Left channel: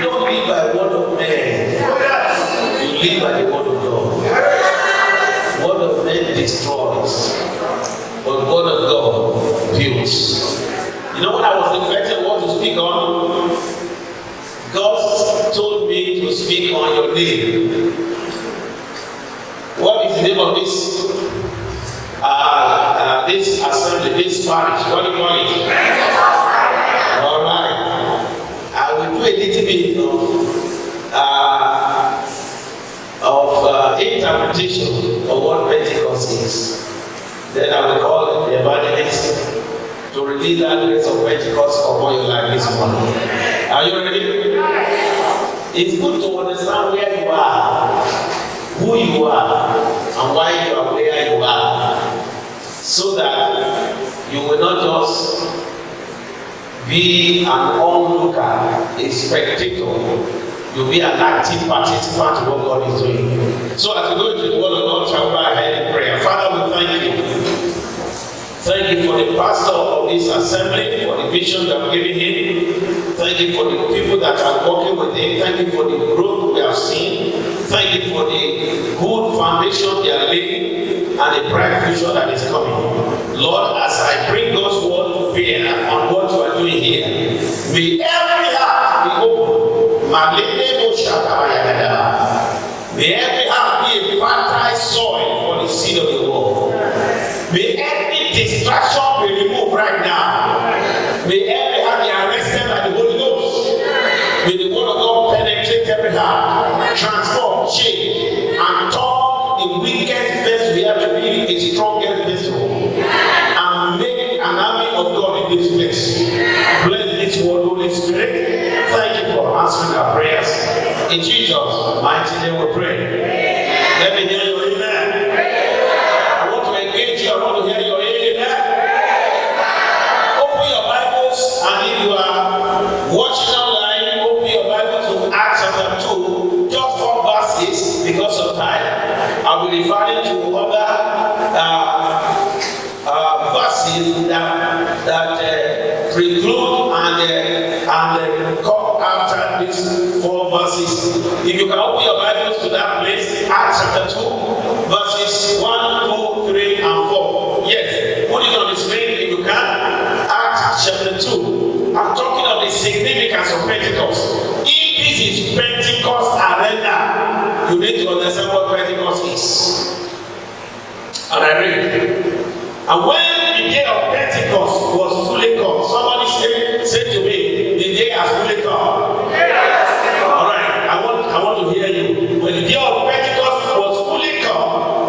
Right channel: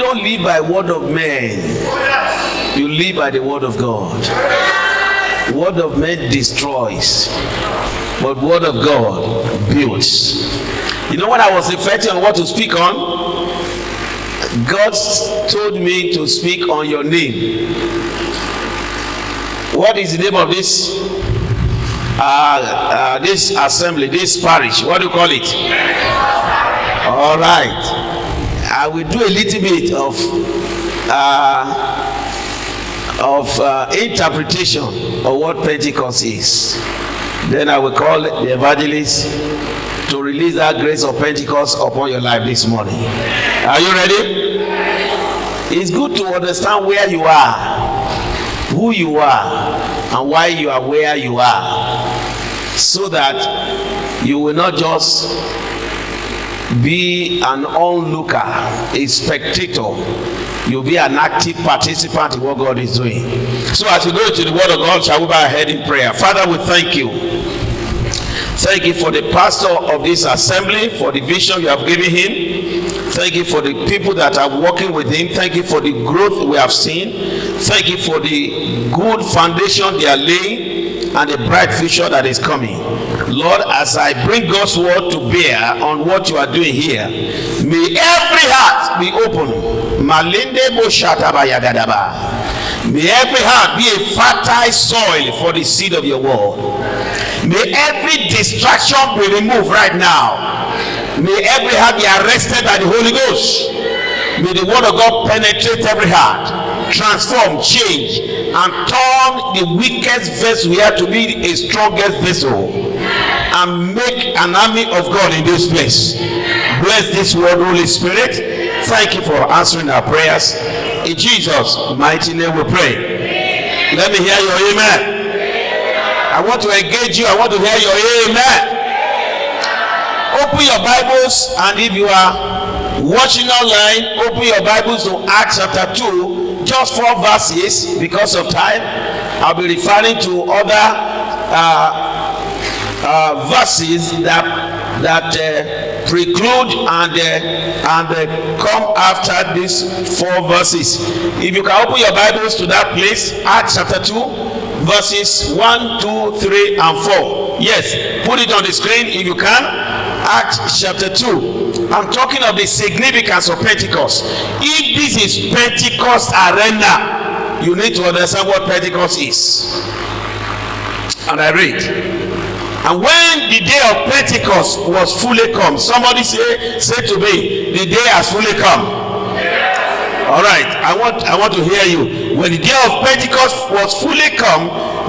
don't live by word of man. You live by the word of God. The word of man destroys, but the word of God builds. You know what I was reflecting on what to speak on? God told me to speak on your name. What is the name of this this assembly, this parish? What do you call it? All right. I will do a little bit of interpretation of what Pentecost is. Then I will call the evangelist to release that grace of Pentecost upon your life this morning. Are you ready? It's good to understand where you are, who you are, and why you are where you are, so that you will not just be an onlooker, a spectator. You'll be an active participant in what God is doing. So as we go to the word of God, shall we bow our head in prayer? Father, we thank you. Thank you for the pastor of this assembly, for the vision you have given him. Thank you for the people that are working with him. Thank you for the growth we have seen. Thank you for the good foundation they are laying and a bright future that is coming. Lord, as I bring God's word to bear on what you are doing here, may every heart be open. May every heart be a fertile soil for the seed of your word. May every distraction be removed right now. May every heart be arrested by the Holy Ghost. May the word of God penetrate every heart, transform, change, and turn the weakest vessel we have to be a strongest vessel, and make an army of God in this place. Bless this word, Holy Spirit. Thank you for answering our prayers. In Jesus' mighty name we pray. Let me hear your amen. I want to engage you. I want to hear your amen. Open your Bibles, and if you are watching online, open your Bibles to Acts chapter 2, just 4 verses because of time. I'll be referring to other verses that preclude and come after these 4 verses. If you can open your Bibles to that place, Acts chapter 2, verses 1, 2, 3, and 4. Yes, put it on the screen if you can. Acts chapter 2. I'm talking of the significance of Pentecost. If this is Pentecost arena, you need to understand what Pentecost is. And I read. And when the day of Pentecost was fully come, somebody say to me, the day has fully come. All right, I want to hear you. When the day of Pentecost was fully come,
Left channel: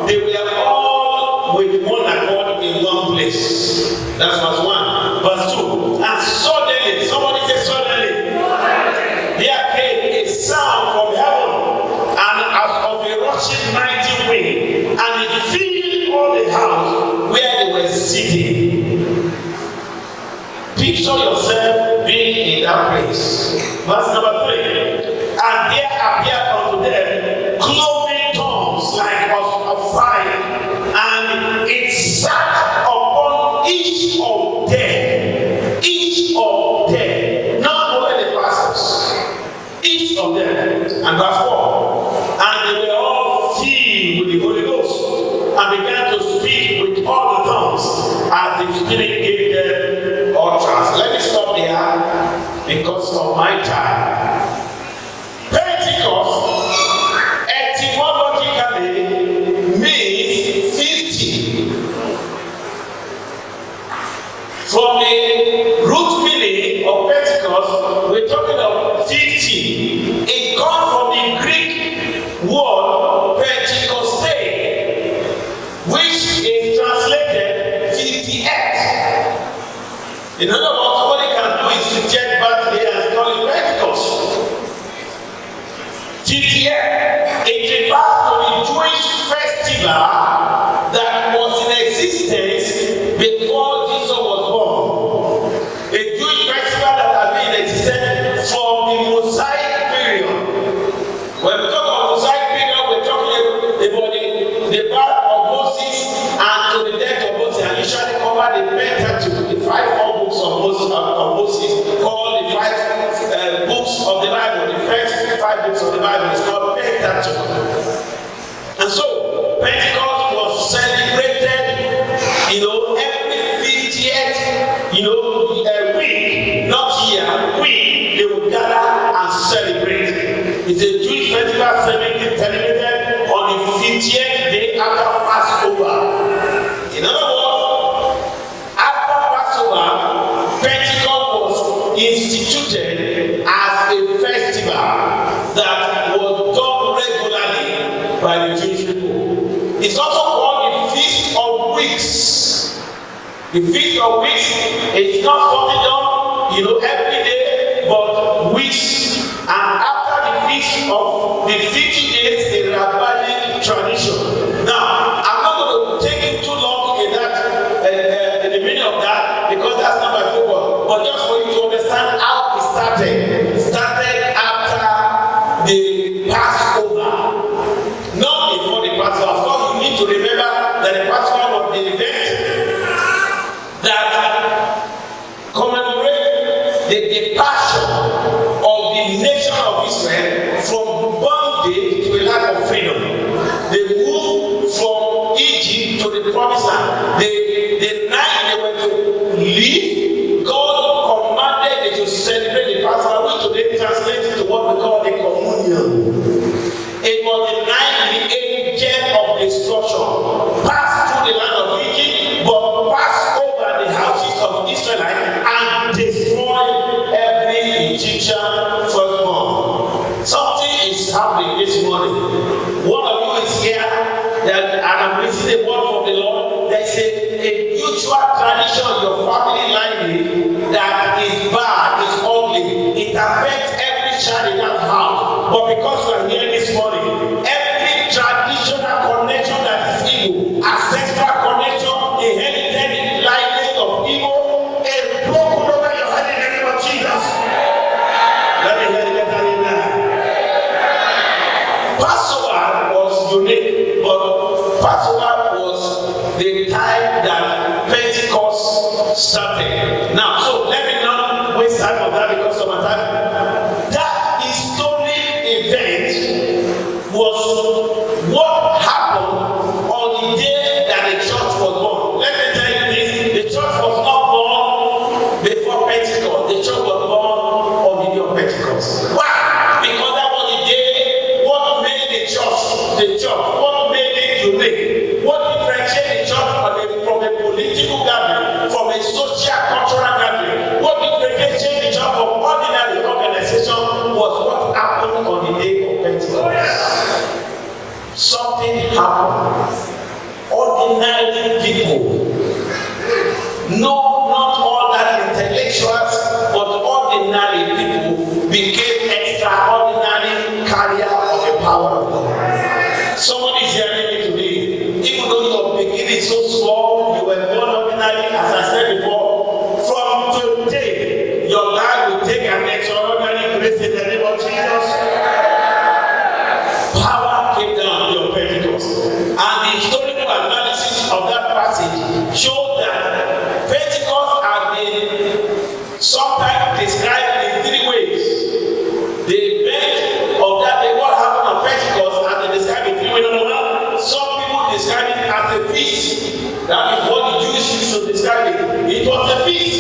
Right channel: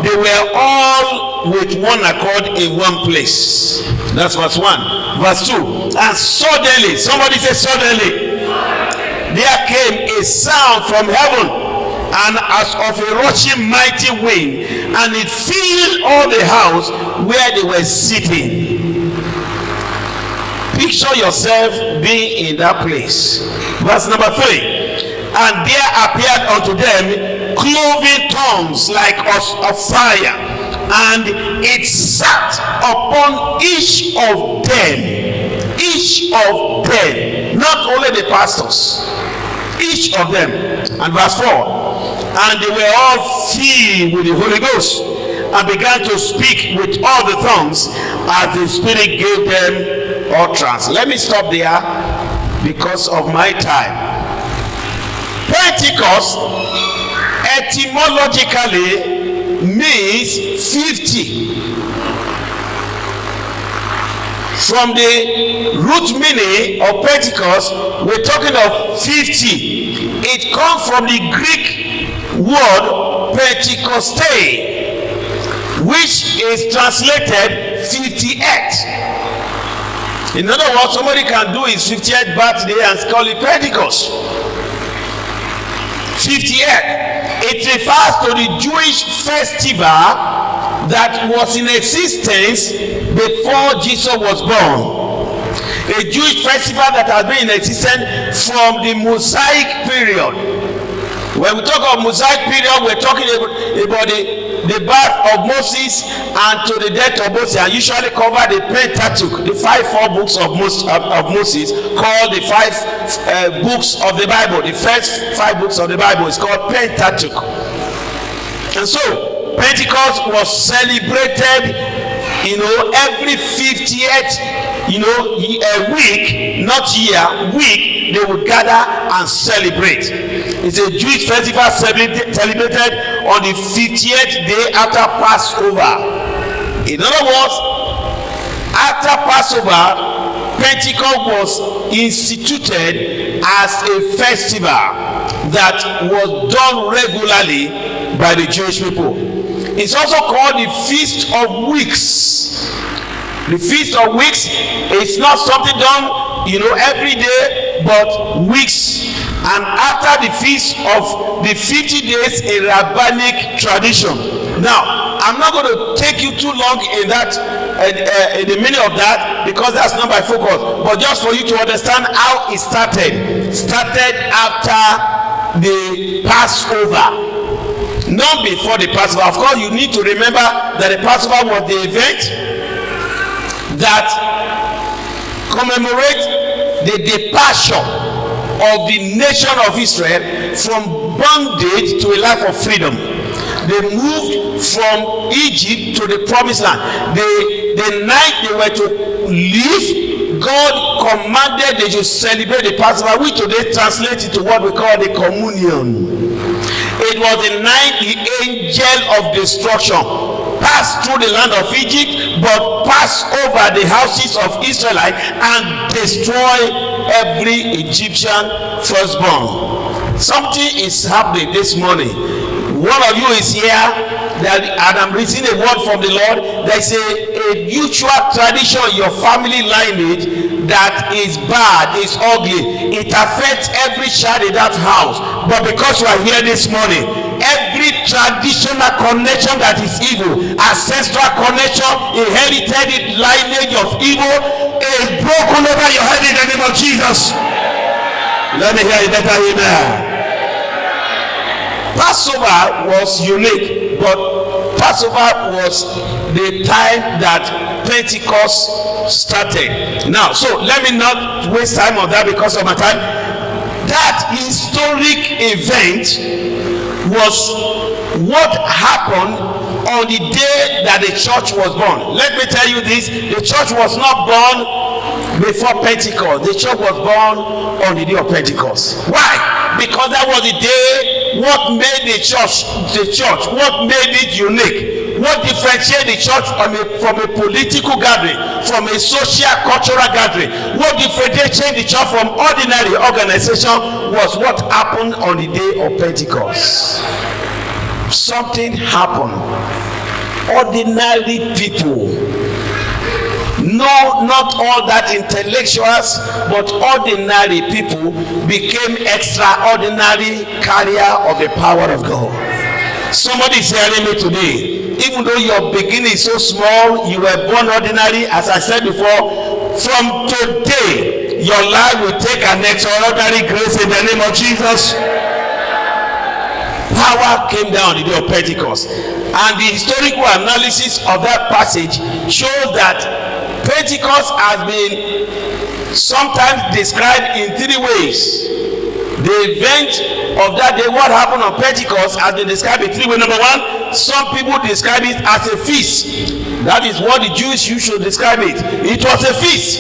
they were all with one accord in one place. That's verse 1. Verse 2. And suddenly, somebody say suddenly, there came a sound from heaven, and as of a rushing mighty wind, and it filled all the house where they were sitting. Picture yourself being in that place. Verse number 3. And there appeared unto them cloven tongues like of fire, and it sat upon each of them. Each of them, not only the pastors, each of them. And verse 4. And they were all filled with the Holy Ghost, and began to speak with all the tongues as the Spirit gave them utterance. Let me stop there because of my time. Pentecost etymologically means 50. From the root meaning of Pentecost, we're talking of 50. It comes from the Greek word Pentecoste, which is translated 58. In other words, somebody can do his 50th birthday and call it Pentecost. 58. It refers to the Jewish festival that was in existence before Jesus was born. A Jewish festival that has been in existence from the Mosaic period. When we talk of Mosaic period, we're talking about the birth of Moses and to the death of Moses, and usually cover the Pentateuch, the 4 books of Moses, called the 5 books of the Bible. The first 5 books of the Bible is called Pentateuch. And so Pentecost was celebrated, every 50th, week, not year, week, they would gather and celebrate. It's a Jewish festival celebrated on the 50th day after Passover. In other words, after Passover, Pentecost was instituted as a festival that was done regularly by the Jewish people. It's also called the Feast of Weeks. The Feast of Weeks is not something done, every day, but weeks. And after the feast of the 50 days, a rabbinic tradition. Now, I'm not going to take you too long in that, in the meaning of that, because that's not my focus. But just for you to understand how it started. It started after the Passover. Not before the Passover. Of course, you need to remember that the Passover was the event that commemorates the departure of the nation of Israel from bondage to a life of freedom. They moved from Egypt to the promised land. The night they were to leave, God commanded they should celebrate the Passover, which today translates into what we call the communion. It was the night the angel of destruction passed through the land of Egypt, but passed over the houses of Israelites and destroyed every Egyptian firstborn. Something is happening this morning. One of you is here, and I'm receiving a word from the Lord. There's a mutual tradition in your family lineage that is bad, is ugly. It affects every child in that house. But because you are here this morning, every traditional connection that is evil, ancestral connection, inherited lineage of evil, is broken over your head in the name of Jesus. Let me hear it better amen. Passover was unique, but Passover was the time that Pentecost started. Now, so let me not waste time on that because of my time. That historic event was what happened on the day that the church was born. Let me tell you this, the church was not born before Pentecost. The church was born on the day of Pentecost. Why? Because that was the day. What made the church, what made it unique, what differentiated the church from a political gathering, from a social cultural gathering, what differentiated the church from ordinary organization was what happened on the day of Pentecost. Something happened. Ordinary people, no, not all that intellectuals, but ordinary people became extraordinary carrier of the power of God. Somebody is hearing me today. Even though your beginning is so small, you were born ordinary, as I said before, from today, your life will take an extraordinary grace in the name of Jesus. Power came down on the day of Pentecost. And the historical analysis of that passage shows that Pentecost has been sometimes described in 3 ways. The event of that day, what happened on Pentecost, has been described in 3 ways. Number 1, some people describe it as a feast. That is what the Jews should describe it. It was a feast.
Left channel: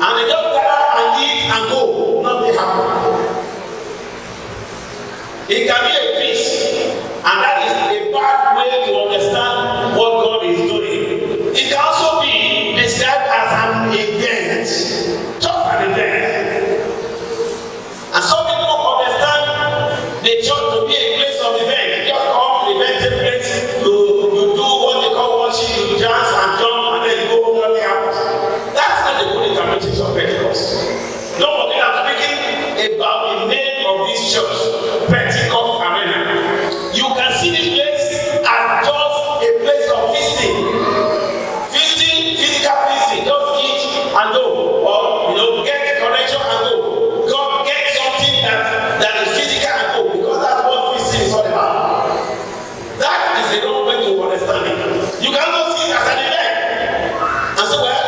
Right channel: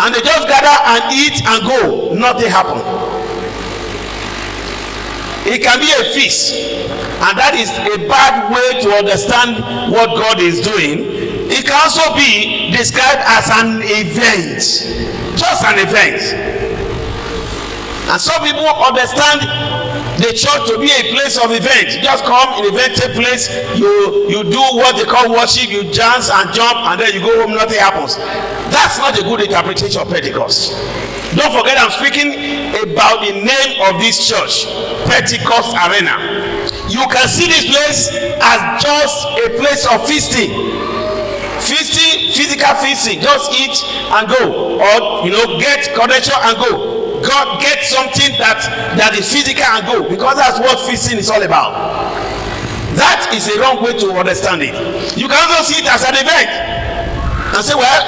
And they just gather and eat and go. Nothing happened. It can be a feast. And that is a bad way to understand what God is doing. It can also be described as an event, just an event. And some people understand the church to be a place of event. You just come in event, take place, you do what they call worship, you dance and jump, and then you go home, nothing happens. That's not a good interpretation of Pentecost. Don't forget, I'm speaking about the name of this church, Pentecost Arena. You can see this place as just a place of feasting. Physical feasting, just eat and go, or get connection and go. God, get something that is physical and go, because that's what feasting is all about. That That is a wrong way to understand it. You can also see it as an event and say, well,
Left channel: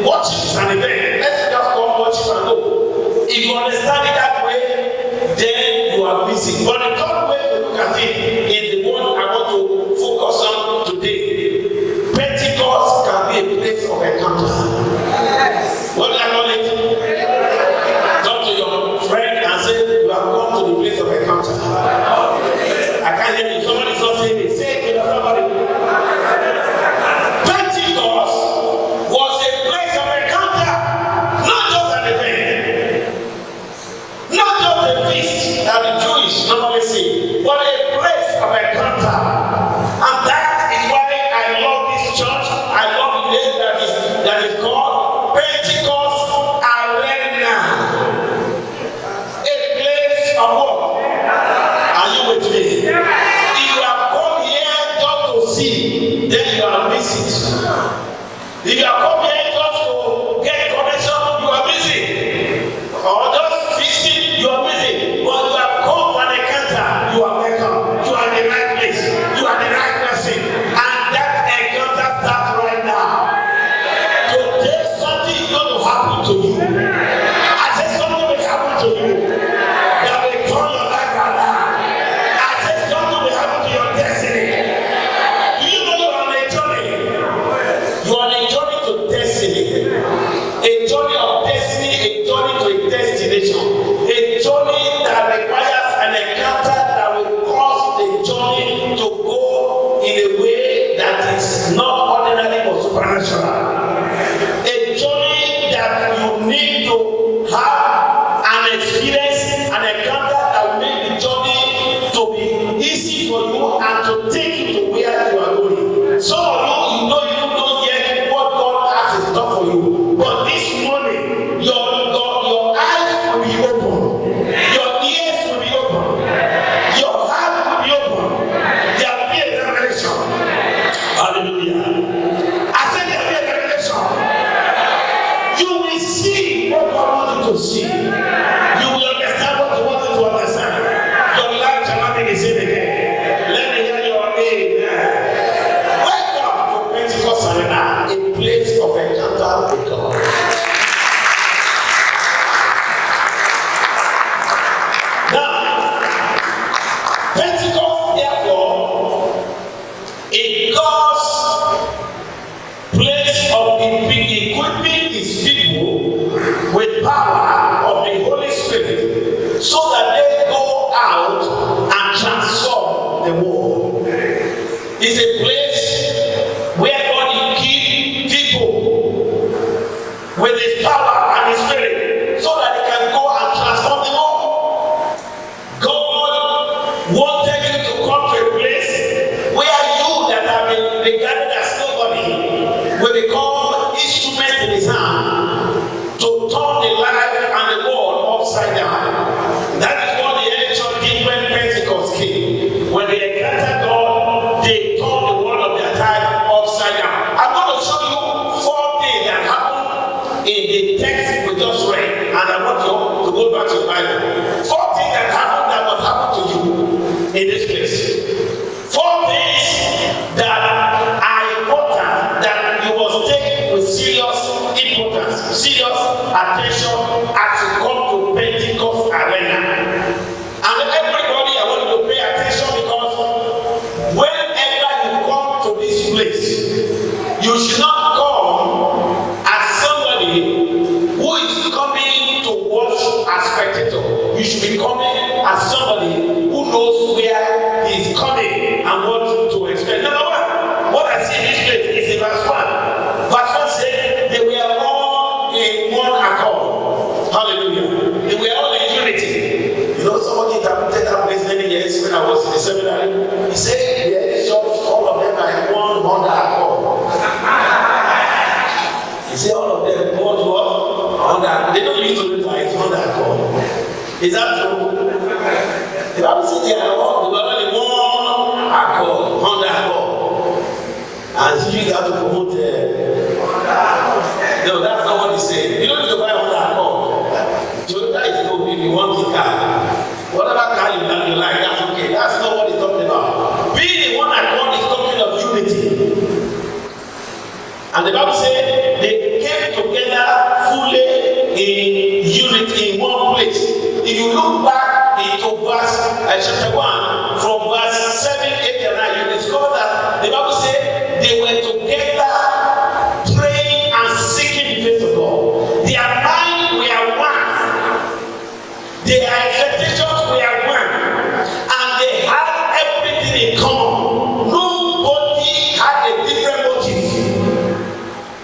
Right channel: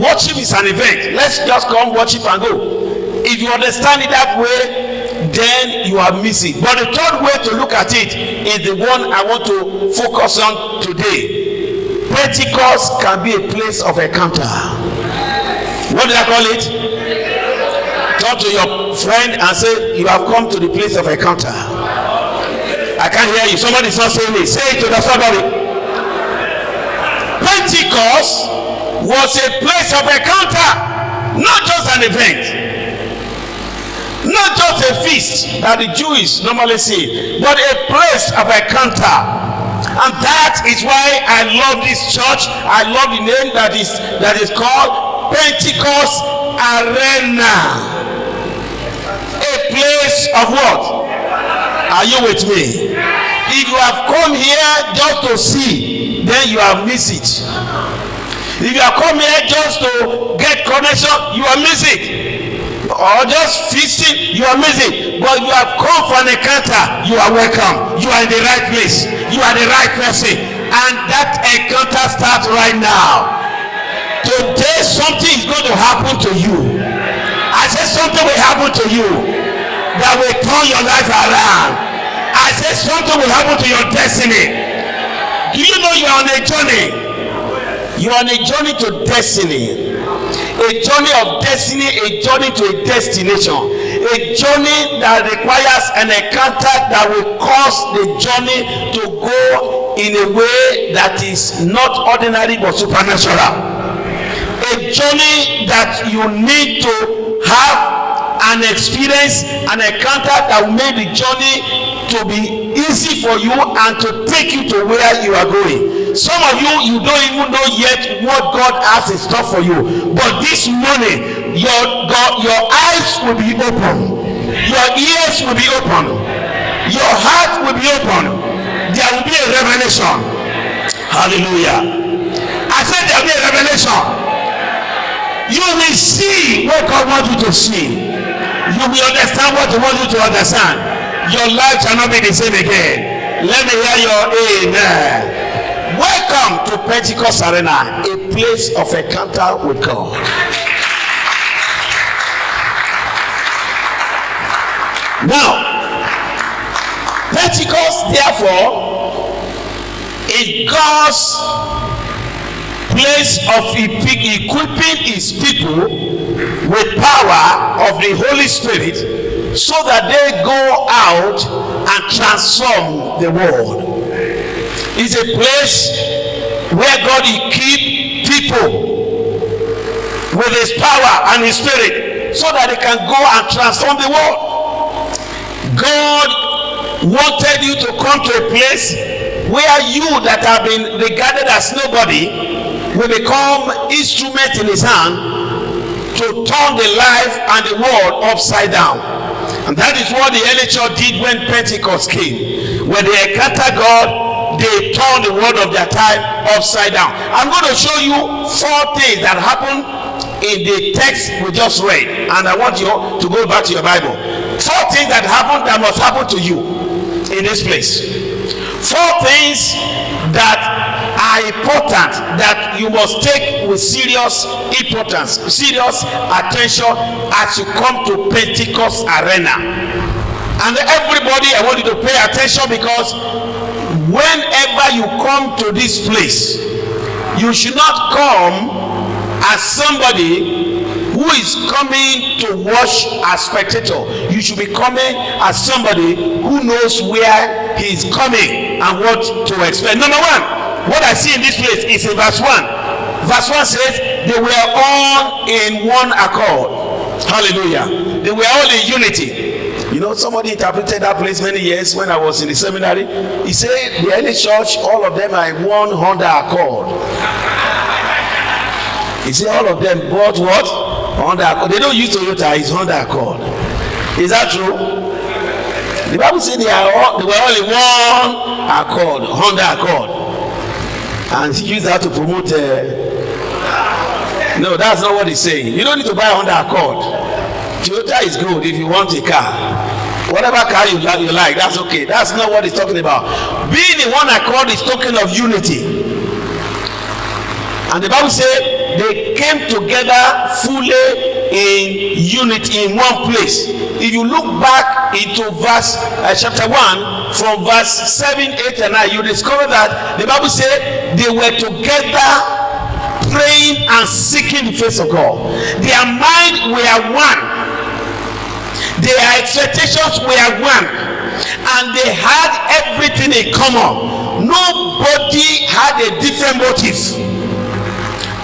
worship is an event. Let's just come worship and go. If you understand it that way, then you are missing. But the third way to look at it is the one I want to focus on today. Pentecost can be a place of encounter. What do I call it? Turn to your friend and say, you have come to the place of encounter. I can't hear you. Somebody's not saying it. Say it to the family. Pentecost was a place of encounter, not just an event, not just a feast that the Jews normally see, but a place of encounter. And that is why I love this church. I love the name that is called Pentecost Arena. A place of what? Are you with me? If you have come here just to see, then you have missed it. If you have come here just to get connection, you are missing. Or just feasting, you are missing. But you have come for an encounter, you are welcome. You are in the right place. You are the right person. And that encounter starts right now. Today something is going to happen to you. I said something will happen to you that will turn your life around. I said something will happen to your destiny. Do you know you are on a journey? You are on a journey to destiny. A journey of destiny, a journey to a destination. A journey that requires an encounter that will cause the journey to go in a way that is not ordinary but supernatural. A journey that you need to have an experience, an encounter that will make the journey to be easy for you and to take you to where you are going. Some of you don't even know yet what God has in store for you. But this morning, your eyes will be open. Your ears will be open. Your heart will be open. There will be a revelation. Hallelujah. I said there will be a revelation. You will see what God wants you to see. You will understand what He wants you to understand. Your life shall not be the same again. Let me hear your amen. Welcome to Pentecost Arena, a place of encounter with God. Now, Pentecost, therefore, is God's place of equipping His people with power of the Holy Spirit so that they go out and transform the world. It's a place where God equips people with His power and His Spirit so that they can go and transform the world. God wanted you to come to a place where you that have been regarded as nobody will become instrument in His hand to turn the life and the world upside down. And that is what the early church did when Pentecost came. When they encountered God, they turned the world of their time upside down. I'm going to show you 4 things that happened in the text we just read. And I want you to go back to your Bible. 4 things that happened that must happen to you in this place. 4 things that are important, that you must take with serious importance, serious attention as you come to Pentecost Arena. And everybody, I want you to pay attention, because whenever you come to this place, you should not come as somebody who is coming to watch as spectator. You should be coming as somebody who knows where he is coming and what to expect. Number 1. What I see in this place is in verse 1. Verse 1 says, they were all in one accord. Hallelujah. They were all in unity. You know, somebody interpreted that place many years when I was in the seminary. He said, the early church, all of them are in one under accord. He said, all of them bought what? Under accord. They don't use Toyota, it's under accord. Is that true? The Bible said they were all in one accord, under accord. And he used that to promote. No, that's not what he's saying. You don't need to buy Honda Accord. Toyota is good if you want a car. What Whatever car you like, that's okay. That's not what he's talking about. Being in one accord is talking of unity. And the Bible says they came together fully in unity in one place. If you look back into verse chapter 1, from verse 7, 8, and 9, you discover that the Bible says they were together praying and seeking the face of God. Their mind were one. Their expectations were one. And they had everything in common. Nobody had a different motive.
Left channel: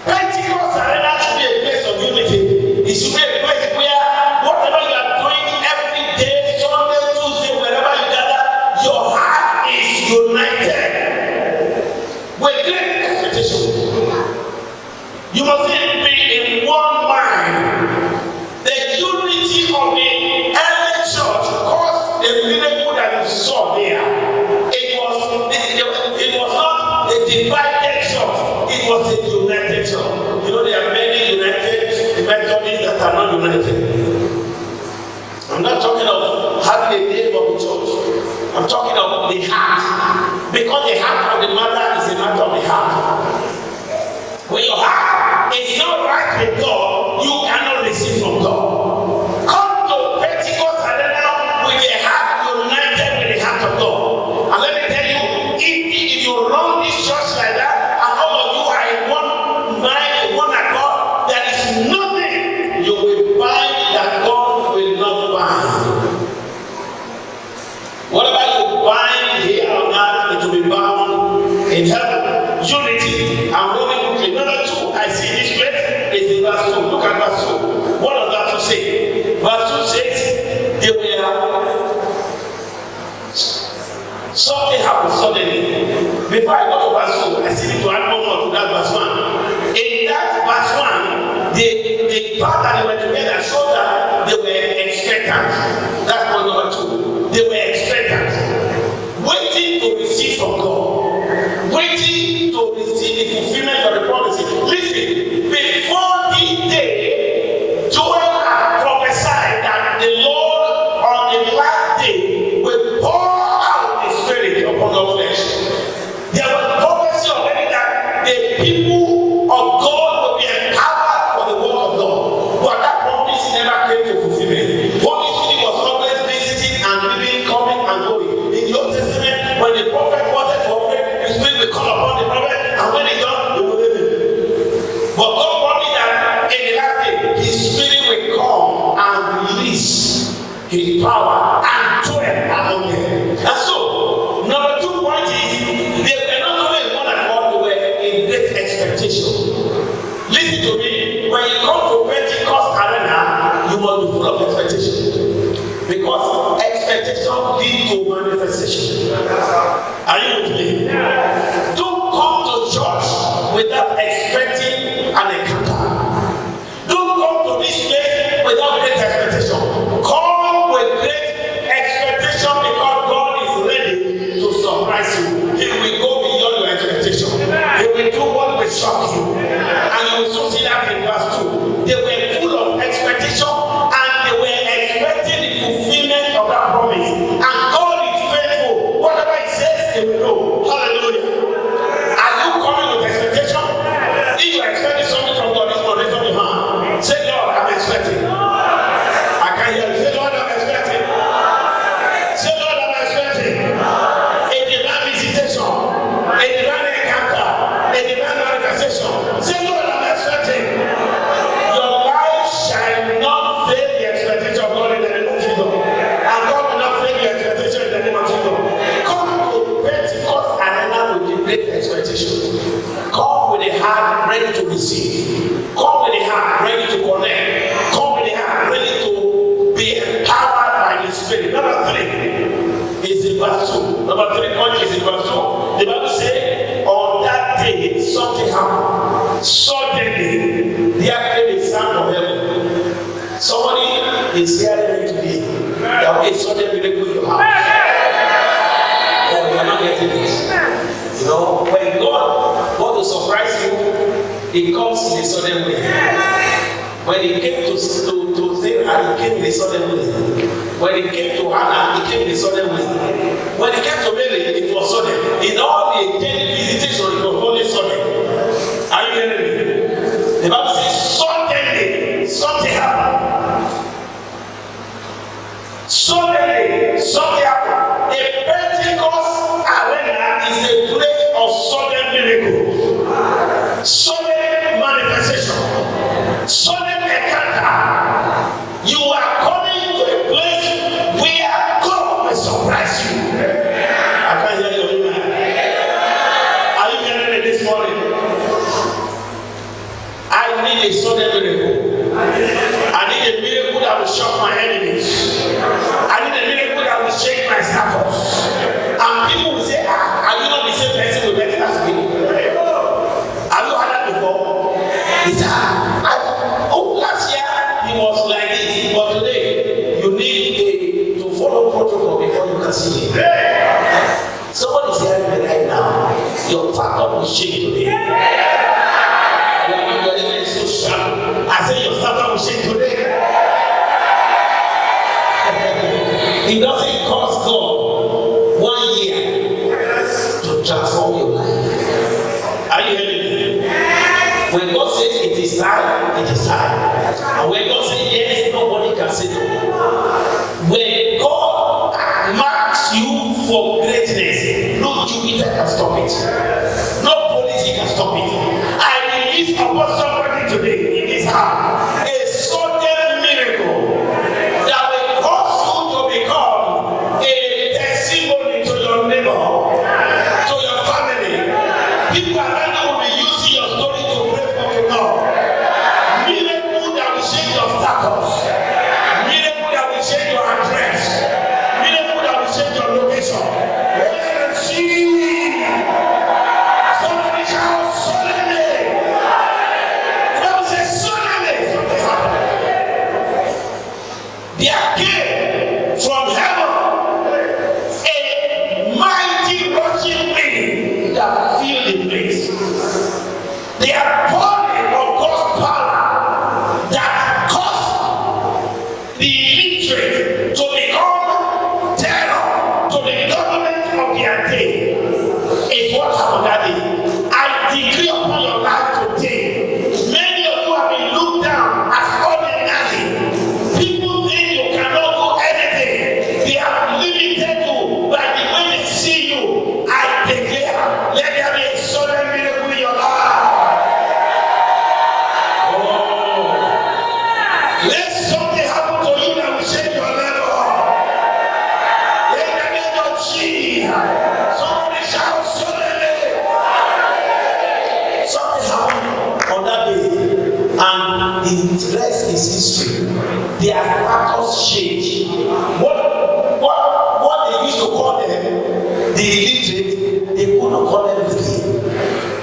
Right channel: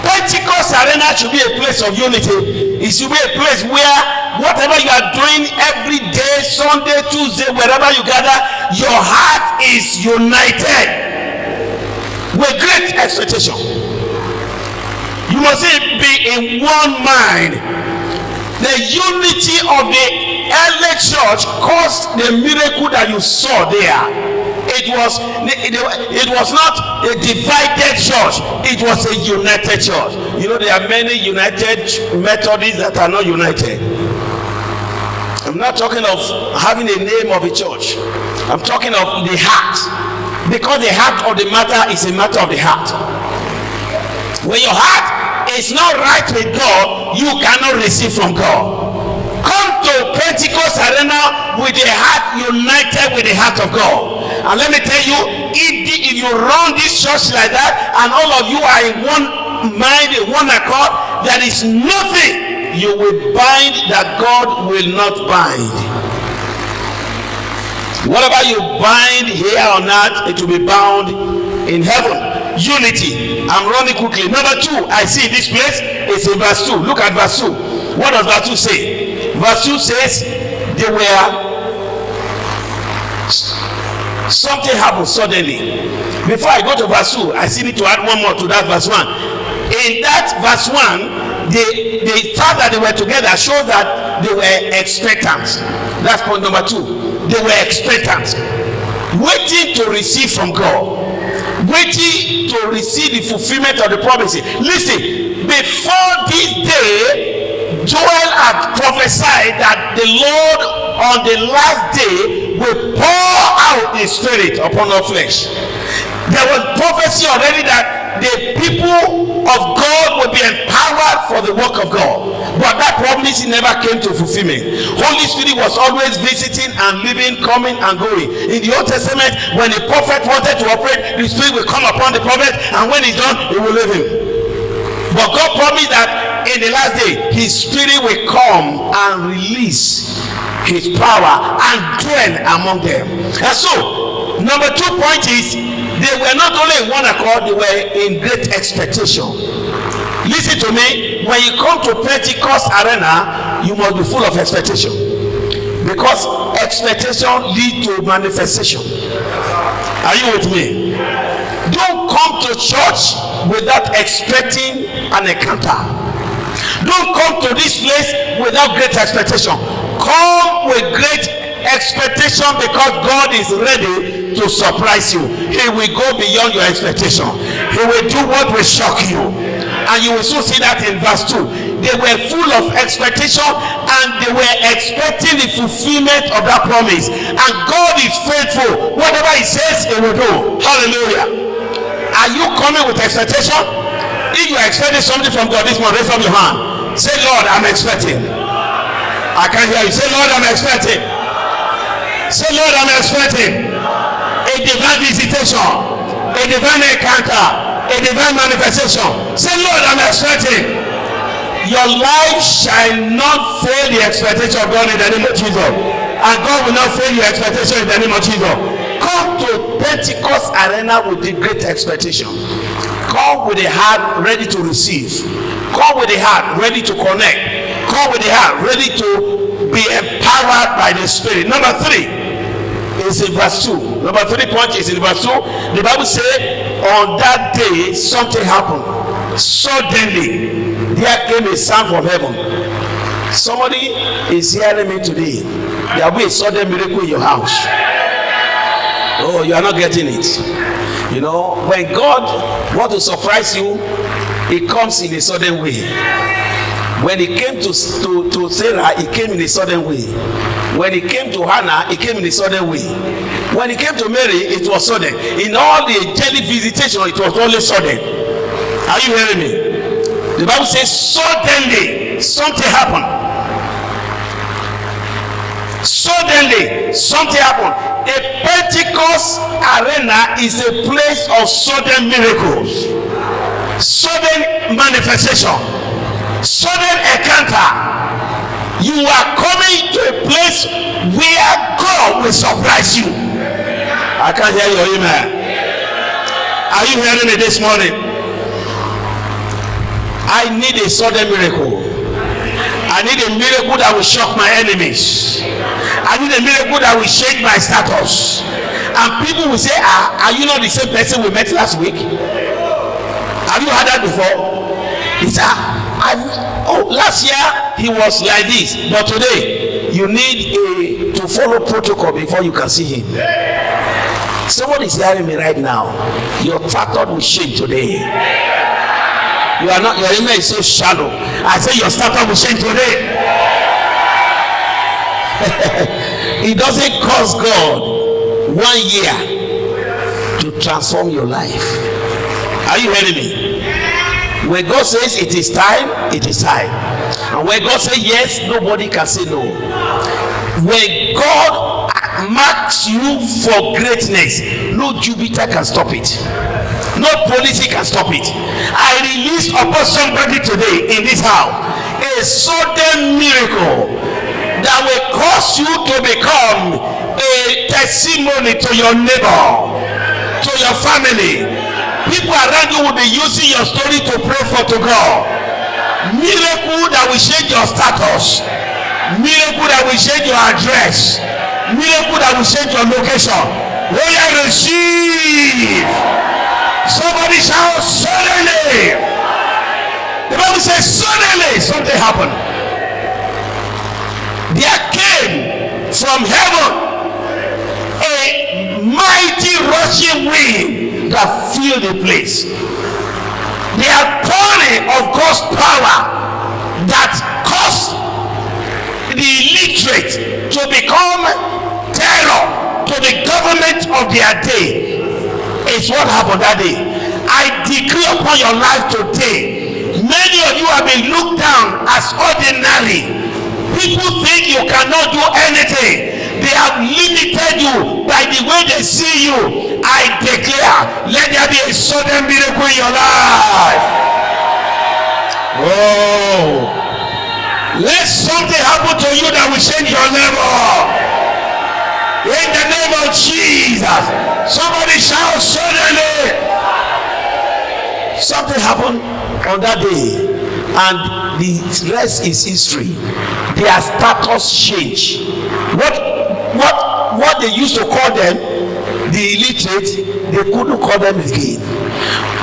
Pentecost Arena should be a place of unity. It should be a place where whatever you are doing every day, Sunday, Tuesday, wherever you gather, your heart is united with great expectation. You must be in one mind. The unity of the early church caused the miracle that you saw there. It was not a divided church, it was a united church. You know, there are many united Methodists that are not united. I'm not talking of having a name of a church. I'm talking of the heart. Because the heart of the matter is a matter of the heart. When your heart is not right with God, you cannot receive from God. Come to Pentecost Arena with the heart united with the heart of God. And let me tell you, if you run this church like that, and all of you are in one mind, in one accord, there is nothing you will bind that God will not bind. Whatever you bind here on earth, it will be bound in heaven. Unity. I'm running quickly. Number 2, I see in this place, it's in verse 2. Look at verse 2. What does verse 2 say? Verse 2 says, they were... Something happened suddenly. Before I go to verse 2, I still need to add one more to that verse 1. In that verse 1, the fact that they were together showed that they were expectant. That's point number 2. They were expectant, waiting to receive from God, waiting to receive the fulfillment of the promises. Listen, before this day, Joel had prophesied that the Lord on the last day will pour out his spirit upon all flesh. There was prophecy already that the people of God will be empowered for the work of God. But that promise never came to fulfillment. Holy Spirit was always visiting and living, coming and going. In the Old Testament, when a prophet wanted to operate, the Spirit will come upon the prophet, and when he's done, he will leave him. But God promised that in the last day, his Spirit will come and release his power and dwell among them. And so, number 2 point is, they were not only in one accord, they were in great expectation. Listen to me, when you come to Pentecost Arena, you must be full of expectation. Because expectation leads to manifestation. Are you with me? Don't come to church without expecting an encounter. Don't come to this place without great expectation. Come with great expectation because God is ready to surprise you. He will go beyond your expectation. He will do what will shock you. And you will soon see that in verse 2. They were full of expectation and they were expecting the fulfillment of that promise. And God is faithful. Whatever he says, he will do. Hallelujah. Are you coming with expectation? If you are expecting something from God this morning, raise up your hand. Say, Lord, I'm expecting. I can't hear you. Say, Lord, I'm expecting. Say, Lord, I'm expecting a divine visitation, a divine encounter, a divine manifestation. Say, Lord, I'm expecting. Your life shall not fail the expectation of God in the name of Jesus. And God will not fail your expectation in the name of Jesus. Come to Pentecost Arena with the great expectation. Come with a heart ready to receive. Come with a heart ready to connect. Come with the heart ready to be empowered by the Spirit. Number 3 is in verse 2. Number 3 point is in verse 2. The Bible says, on that day something happened. Suddenly, there came a sound from heaven. Somebody is hearing me today. There will be a sudden miracle in your house. Oh, you are not getting it. You know, when God wants to surprise you, He comes in a sudden way. When He came to Sarah, He came in a sudden way. When it came to Hannah, it came in a sudden way. When it came to Mary, it was sudden. In all the angelic visitation, it was only sudden. Are you hearing me? The Bible says suddenly something happened. Suddenly something happened. A Pentecost arena is a place of sudden miracles, sudden manifestation, sudden encounter. You are coming to a place where God will surprise you. I can't hear your amen. Are you hearing me this morning? I need a sudden miracle. I need a miracle that will shock my enemies. I need a miracle that will change my status. And people will say, are you not the same person we met last week? Have you heard that before? He said, last year he was like this, but today you need to follow protocol before you can see him. Somebody is hearing me right now. Your factor will change today. You are not, your amen is so shallow. I say your starter will change today. It doesn't cost God 1 year to transform your life. Are you hearing me? When God says it is time, it is time. And when God says yes, nobody can say no. When God marks you for greatness, no Jupiter can stop it. No policy can stop it. I release upon somebody today in this house a sudden miracle that will cause you to become a testimony to your neighbor, to your family. People around you will be using your story to pray for to God. Miracle that will change your status. Miracle that will change your address. Miracle that will change your location. Will you receive? Somebody shout suddenly. The Bible says suddenly something happened. There came from heaven a mighty rushing wind that filled the place. The outpouring of God's power that caused the illiterate to become terror to the government of their day is what happened that day. I decree upon your life today, many of you have been looked down as ordinary. People think you cannot do anything. They have limited you by the way they see you. I declare, let there be a sudden miracle in your life. Oh, let something happen to you that will change your level. In the name of Jesus, somebody shout suddenly. Something happened on that day, and the rest is history. Their status changed. What they used to call them, the illiterate, they couldn't call them again.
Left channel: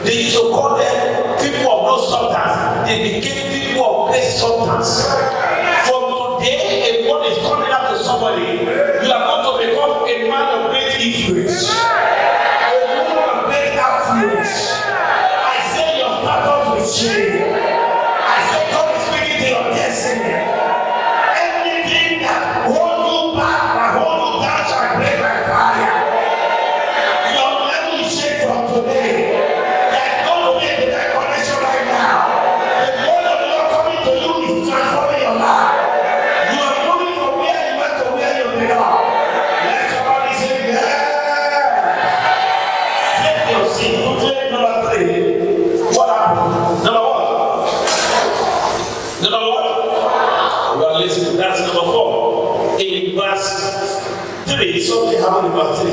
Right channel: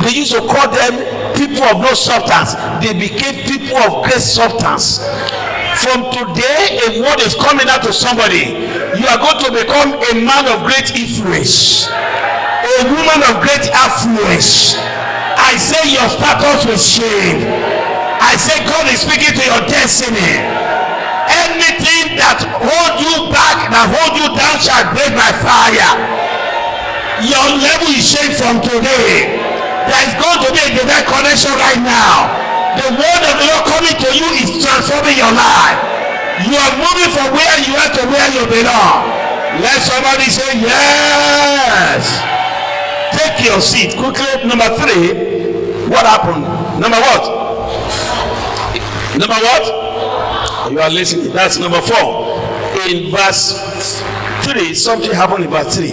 They used to call them people of no substance. They became people of great substance. From today, a word is coming out to somebody. You are going to become a man of great influence, a woman of great affluence. I say your status will change. I say God is speaking to your destiny. Anything that hold you back, that hold you down, shall break by fire. Your level is changed from today. There is going to be a direct connection right now. The word of the Lord coming to you is transforming your life. You are moving from where you are to where you belong. Let somebody say yes. Take your seat quickly. Number 3. What happened? Number what? Number what? You are listening. That's number 4. In verse 3, something happened in verse 3.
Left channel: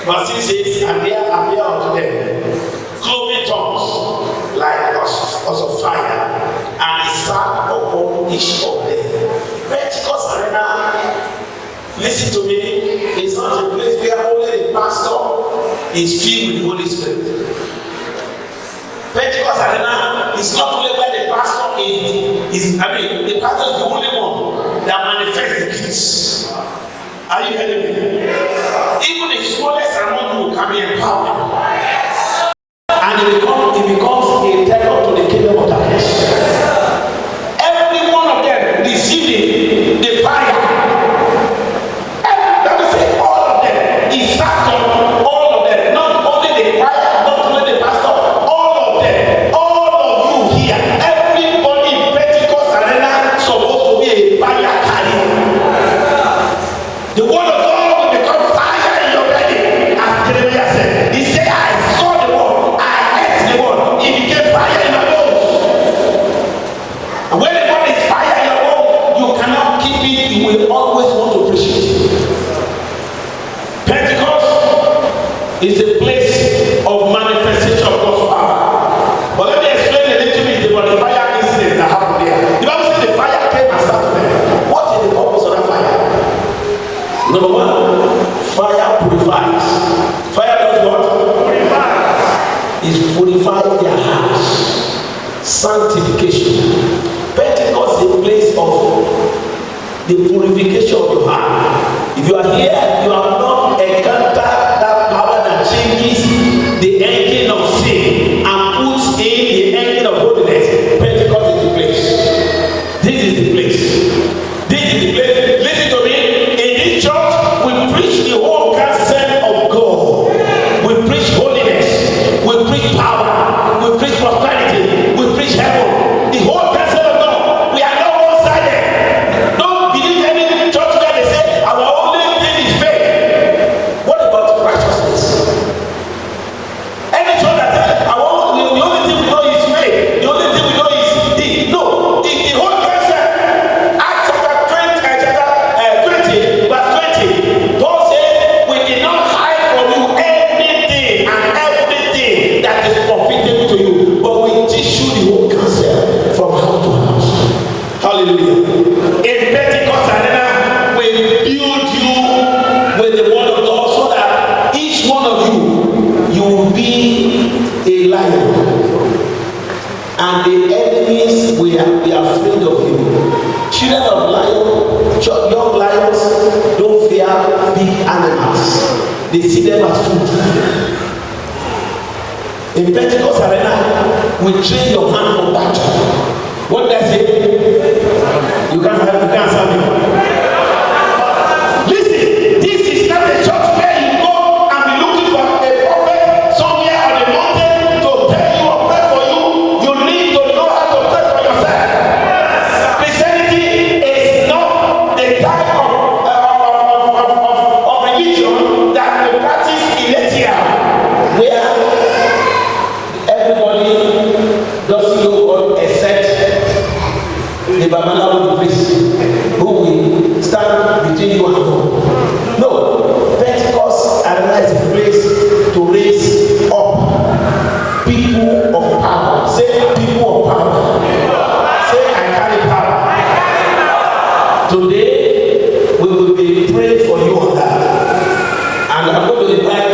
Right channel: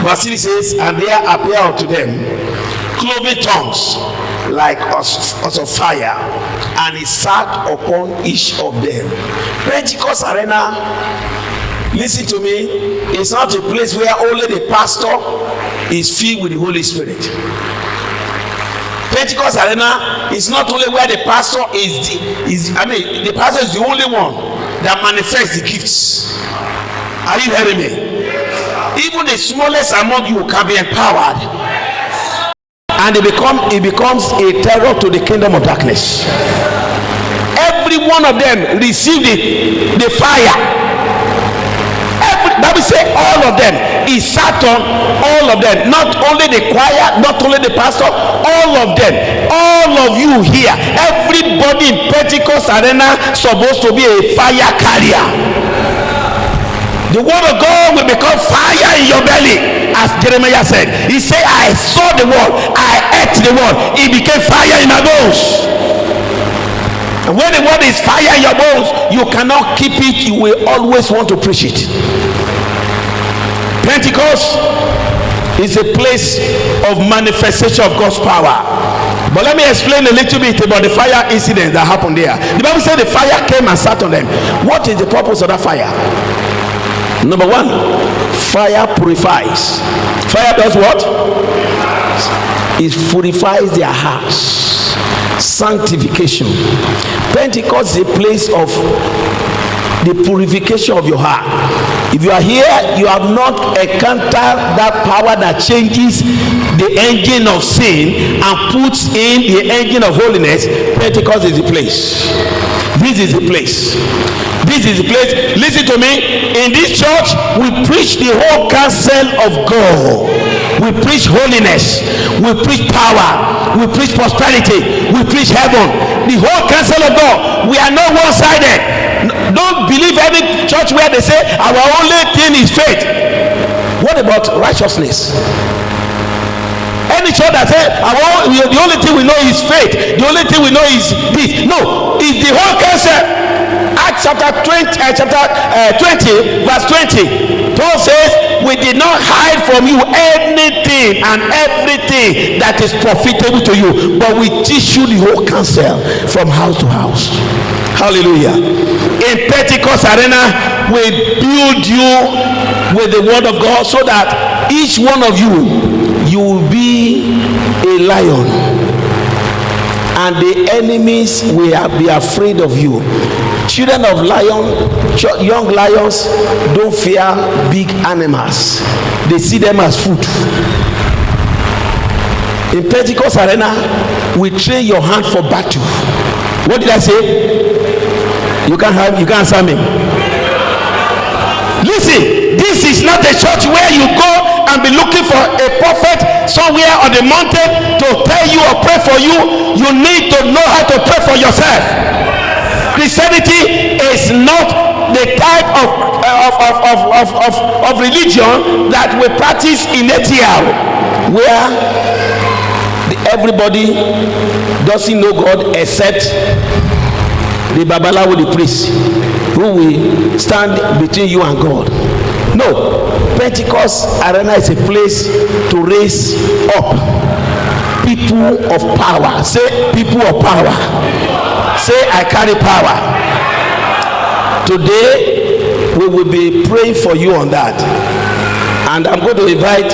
Verse 3 says, and there appeared unto them cloven tongues like as of fire, and he sat upon each of them. Pentecost Arena, listen to me, it's not a place where only the pastor is filled with the Holy Spirit. Pentecost Arena is not only where the pastor the pastor is the only one that manifests the gifts. Are you hearing me? Even the smallest among you can be empowered. And it becomes a terror to the kingdom of darkness. Every one of them received the fire act on all of them. Not only the choir, not only the pastor, all of them. All of you here, everybody in Pentecost Arena supposed to be a fire carrier. The word of God will become fire in your belly. As Jeremiah said, he said, I saw the word, I ate the word, it became fire in my bones. And when the word is fire in your bones, you cannot keep it, you will always want to preach it. Pentecost is a place of manifestation of God's power. But let me explain a little bit about the fire incident that happened there. The Bible said the fire came and sat on them. What is the purpose of that fire? Number one, fire purifies. Fire does what? It purifies their hearts. Sanctification. Pentecost is a place of the purification of your heart. If you are here, you have not encountered that power that changes the engine of sin and puts in the engine of holiness. Pentecost is the place. This is the place. This is the place. Listen to me. In this church, we preach the whole counsel of God. We preach holiness. We preach power. We preach prosperity. We preach heaven. The whole counsel of God. We are not one-sided. Don't believe any church where they say our only thing is faith. What about righteousness? Any church that says the only thing we know is faith, the only thing we know is this. No, it's the whole counsel. Acts chapter 20 verse 20. Paul says, we did not hide from you anything and everything that is profitable to you, but we teach you the whole counsel from house to house. Hallelujah. In Pentecost Arena, we build you with the word of God so that each one of you will be a lion, and the enemies will be afraid of you. Children of lion, young lions don't fear big animals. They see them as food. In Pentecost Arena, we train your hand for battle. What did I say? You can't answer me. Listen, this is not a church where you go and be looking for a prophet somewhere on the mountain to tell you or pray for you. You need to know how to pray for yourself. Christianity is not the type of religion that we practice in ATL, where everybody doesn't know God except the Babalawo, the priest, who will stand between you and God. No, Pentecost Arena is a place to raise up people of power. Say, people of power. Say, I carry power. Today, we will be praying for you on that. And I'm going to invite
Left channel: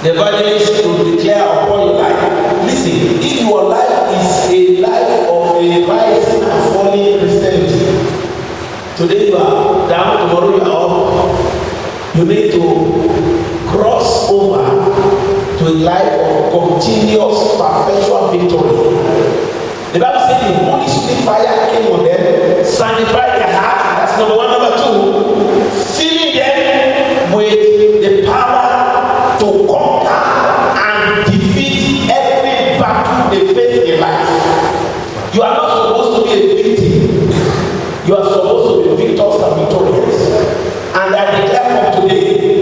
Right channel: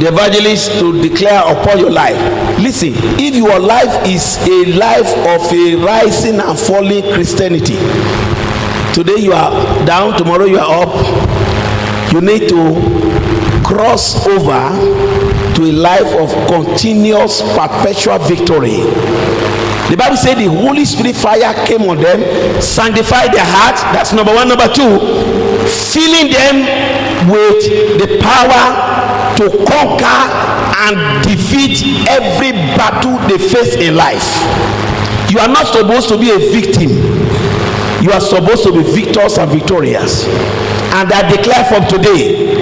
the evangelist to declare upon your life. Listen, if your life is a life of a rising and falling Christianity, today you are down, tomorrow you are up, you need to cross over to a life of continuous perpetual victory. The Bible said the Holy Spirit fire came on them, sanctified their hearts. That's number one. Number two, filling them with the power to conquer and defeat every battle they face in life. You are not supposed to be a victim. You are supposed to be victors and victorious. And I declare from today,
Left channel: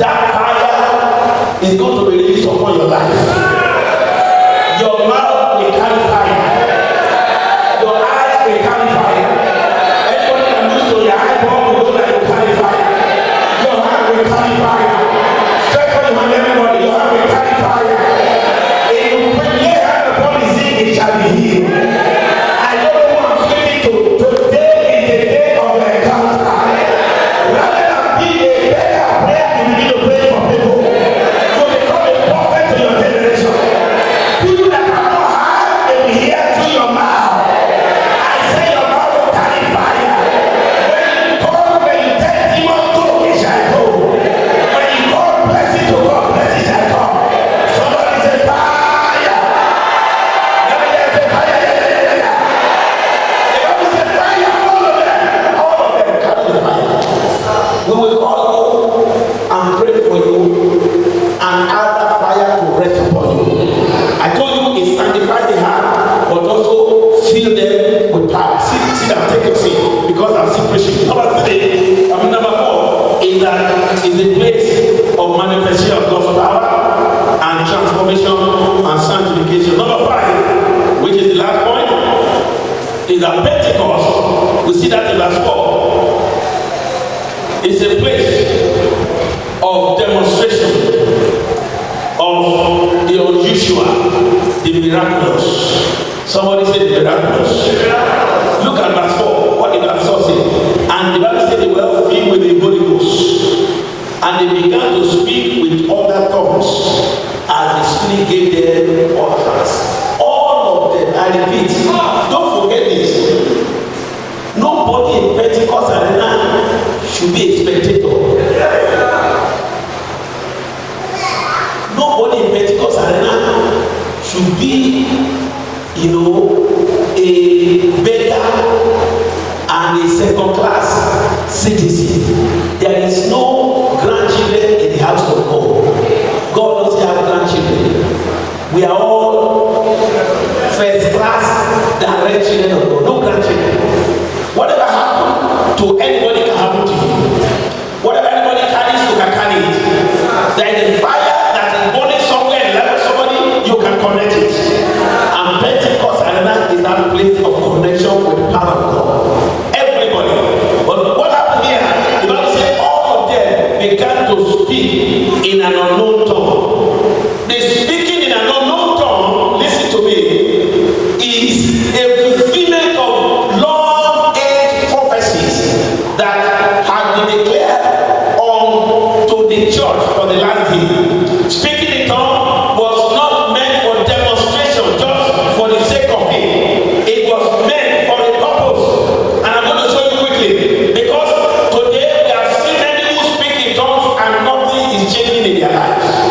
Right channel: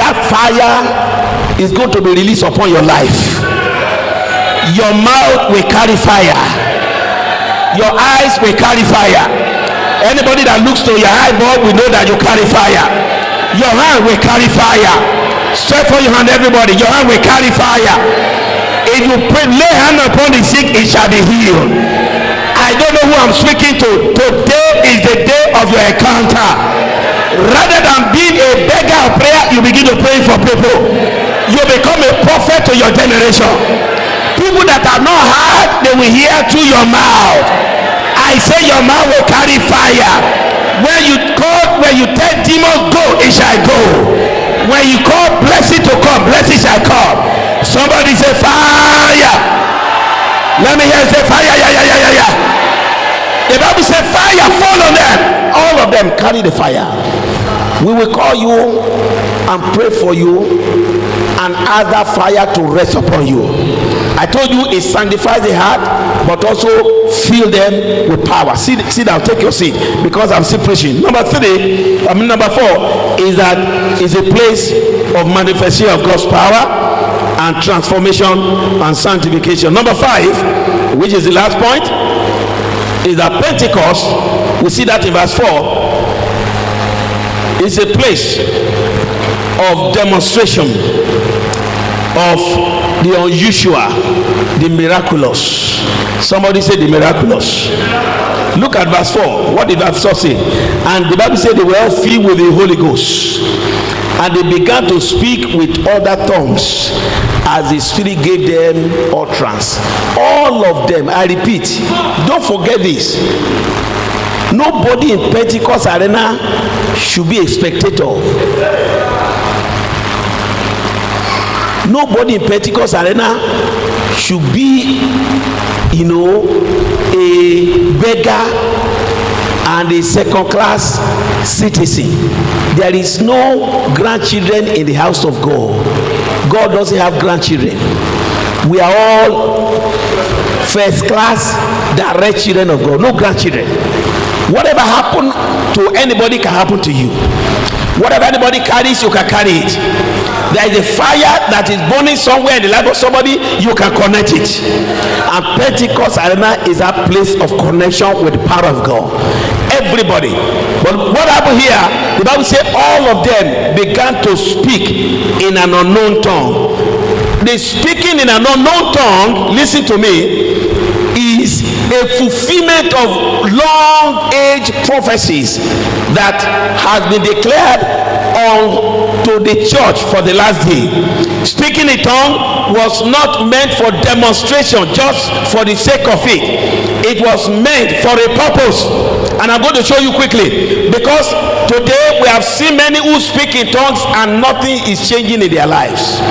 that fire is going to be released upon your life. Your mouth will carry fire. Your eyes will carry fire. Anybody that looks to your eyeball will know that you carry fire. Your hand will carry fire. Stretch for your hand, everybody. Your hand will carry fire. If you lay hand upon the sick, it shall be healed. I don't know who I'm speaking to. Today is the day of your encounter. Rather than being a beggar of prayer, you begin to pray for people. You become a prophet to your generation. People that are not heard, they will hear through your mouth. I say your mouth will carry fire. When you tell demons go, it shall go. When you call blessing to come, blessing shall come. Somebody say fire. Let me hear say fire. Yeah. The Bible says fire fall on them. All of them carry the fire. We will call you and pray for you and other fire to rest upon you. I told you it sanctifies the heart, but also fill them with power. Sit down, take your seat, because I'm still preaching. Number 4 is that it's a place of manifestation of God's power and transformation and sanctification. Number 5, which is the last point, is that Pentecost, we see that in verse 4, is a place of demonstration of the unusual, the miraculous. Somebody say the miraculous. Look at verse 4. What did verse 4 say? And the Bible said they were all filled with the Holy Ghost, and they began to speak with other tongues as the Spirit gave them utterance. All of them, I repeat, don't forget this. Nobody in Pentecost Arena should be a spectator. Nobody in Pentecost Arena should be, a beggar and a second-class citizen. There is no grandchildren in the house of God. God doesn't have grandchildren. We are all first-class, direct children of God. No grandchildren. Whatever happened to anybody can happen to you. Whatever anybody carries, you can carry it. There is a fire that is burning somewhere in the life of somebody, you can connect it. And Pentecost Arena is a place of connection with the power of God. Everybody. But what happened here? The Bible says all of them began to speak in an unknown tongue. The speaking in an unknown tongue, listen to me, is a fulfillment of long age prophecies that has been declared unto the church for the last day. Speaking in tongue was not meant for demonstration, just for the sake of it. It was meant for a purpose, and I'm going to show you quickly, because today we have seen many who speak in tongues and nothing is changing in their lives.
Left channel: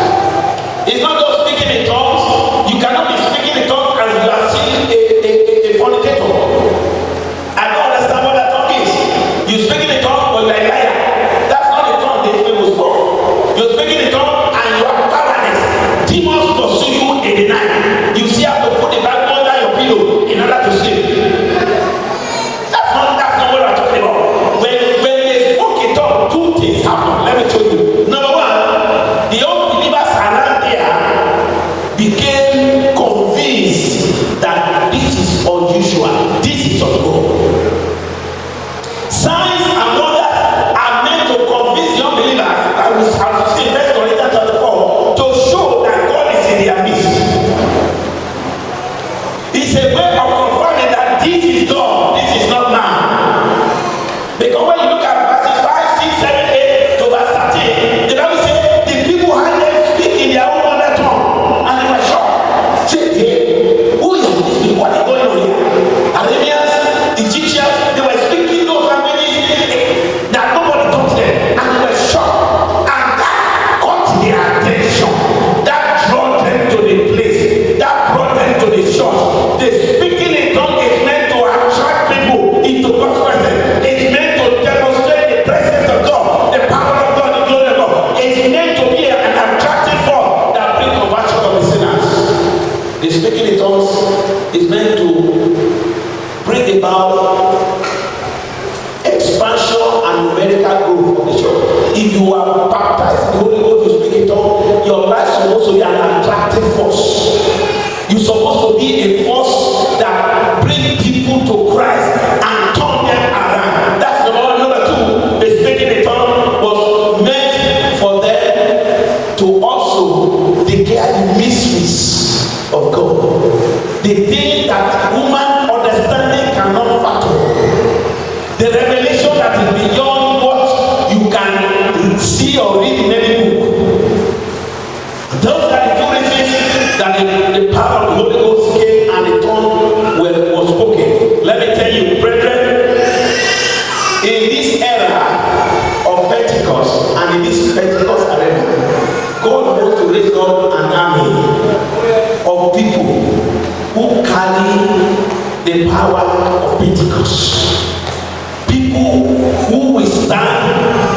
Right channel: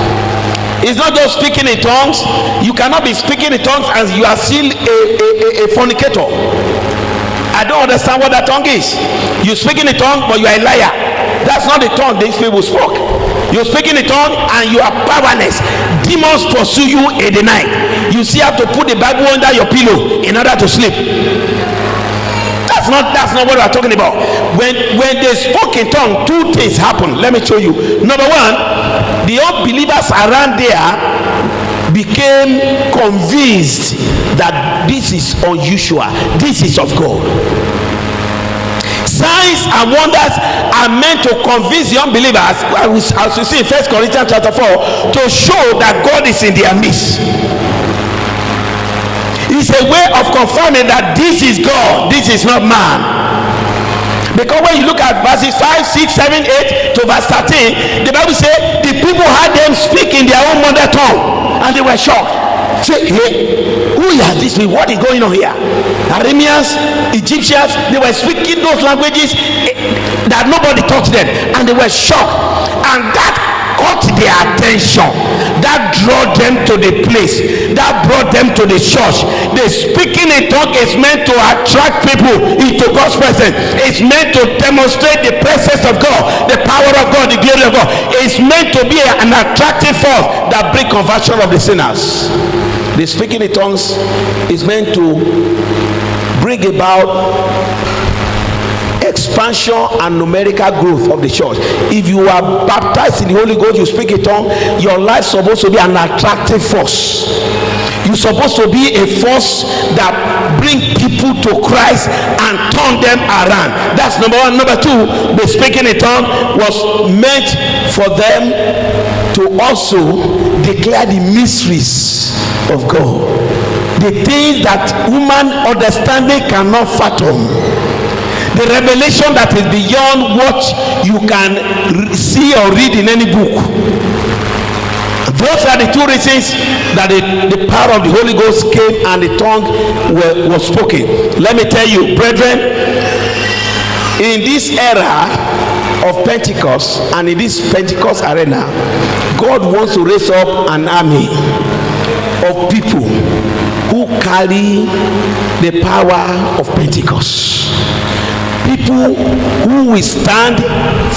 It's not just speaking in tongues. You cannot be speaking in tongues as you are still a fornicator. I don't understand what that tongue is. You speak in a tongue, but you are a liar. That's not the tongue these people spoke. You speak in a tongue and you are powerless. Demons pursue you in the night. You see how to put the Bible under your pillow in order to sleep. That's not what we are talking about. When they spoke in tongue, two things happened. Let me show you. Number one, the unbelievers around there became convinced that this is unusual, this is of God. Signs and wonders are meant to convince the unbelievers, as we see in 1 Corinthians chapter 4, to show that God is in their midst. It's a way of confirming that this is God, this is not man. Because when you look at verses 5, 6, 7, 8 to verse 13, the Bible says the people heard them speak in their own mother tongue and they were shocked. Say, hey, who are these people? What is going on here? Arameans, Egyptians, they were speaking those languages that nobody taught them, and they were shocked. And that caught their attention. That drew them to the place. That brought them to the church. The speaking in tongue is meant to attract people into God's presence. It's meant to demonstrate the presence of God, the power of God, the glory of God. It's meant to be an attractive force that brings conversion of the sinners. The speaking in tongues is meant to bring about expansion and numerical growth of the church. If you are baptized in the Holy Ghost, you speak in tongue, your life is supposed to be an attractive force. You're supposed to be a force that brings people to Christ and turn them around. That's number one. Number two, the speaking in tongue was meant for them to also declare the mysteries of God, the things that human understanding cannot fathom. The revelation that is beyond what you can see or read in any book. Those are the two reasons that the power of the Holy Ghost came and the tongue was spoken. Let me tell you, brethren, in this era of Pentecost and in this Pentecost arena, God wants to raise up an army of people who carry the power of Pentecost. People who will stand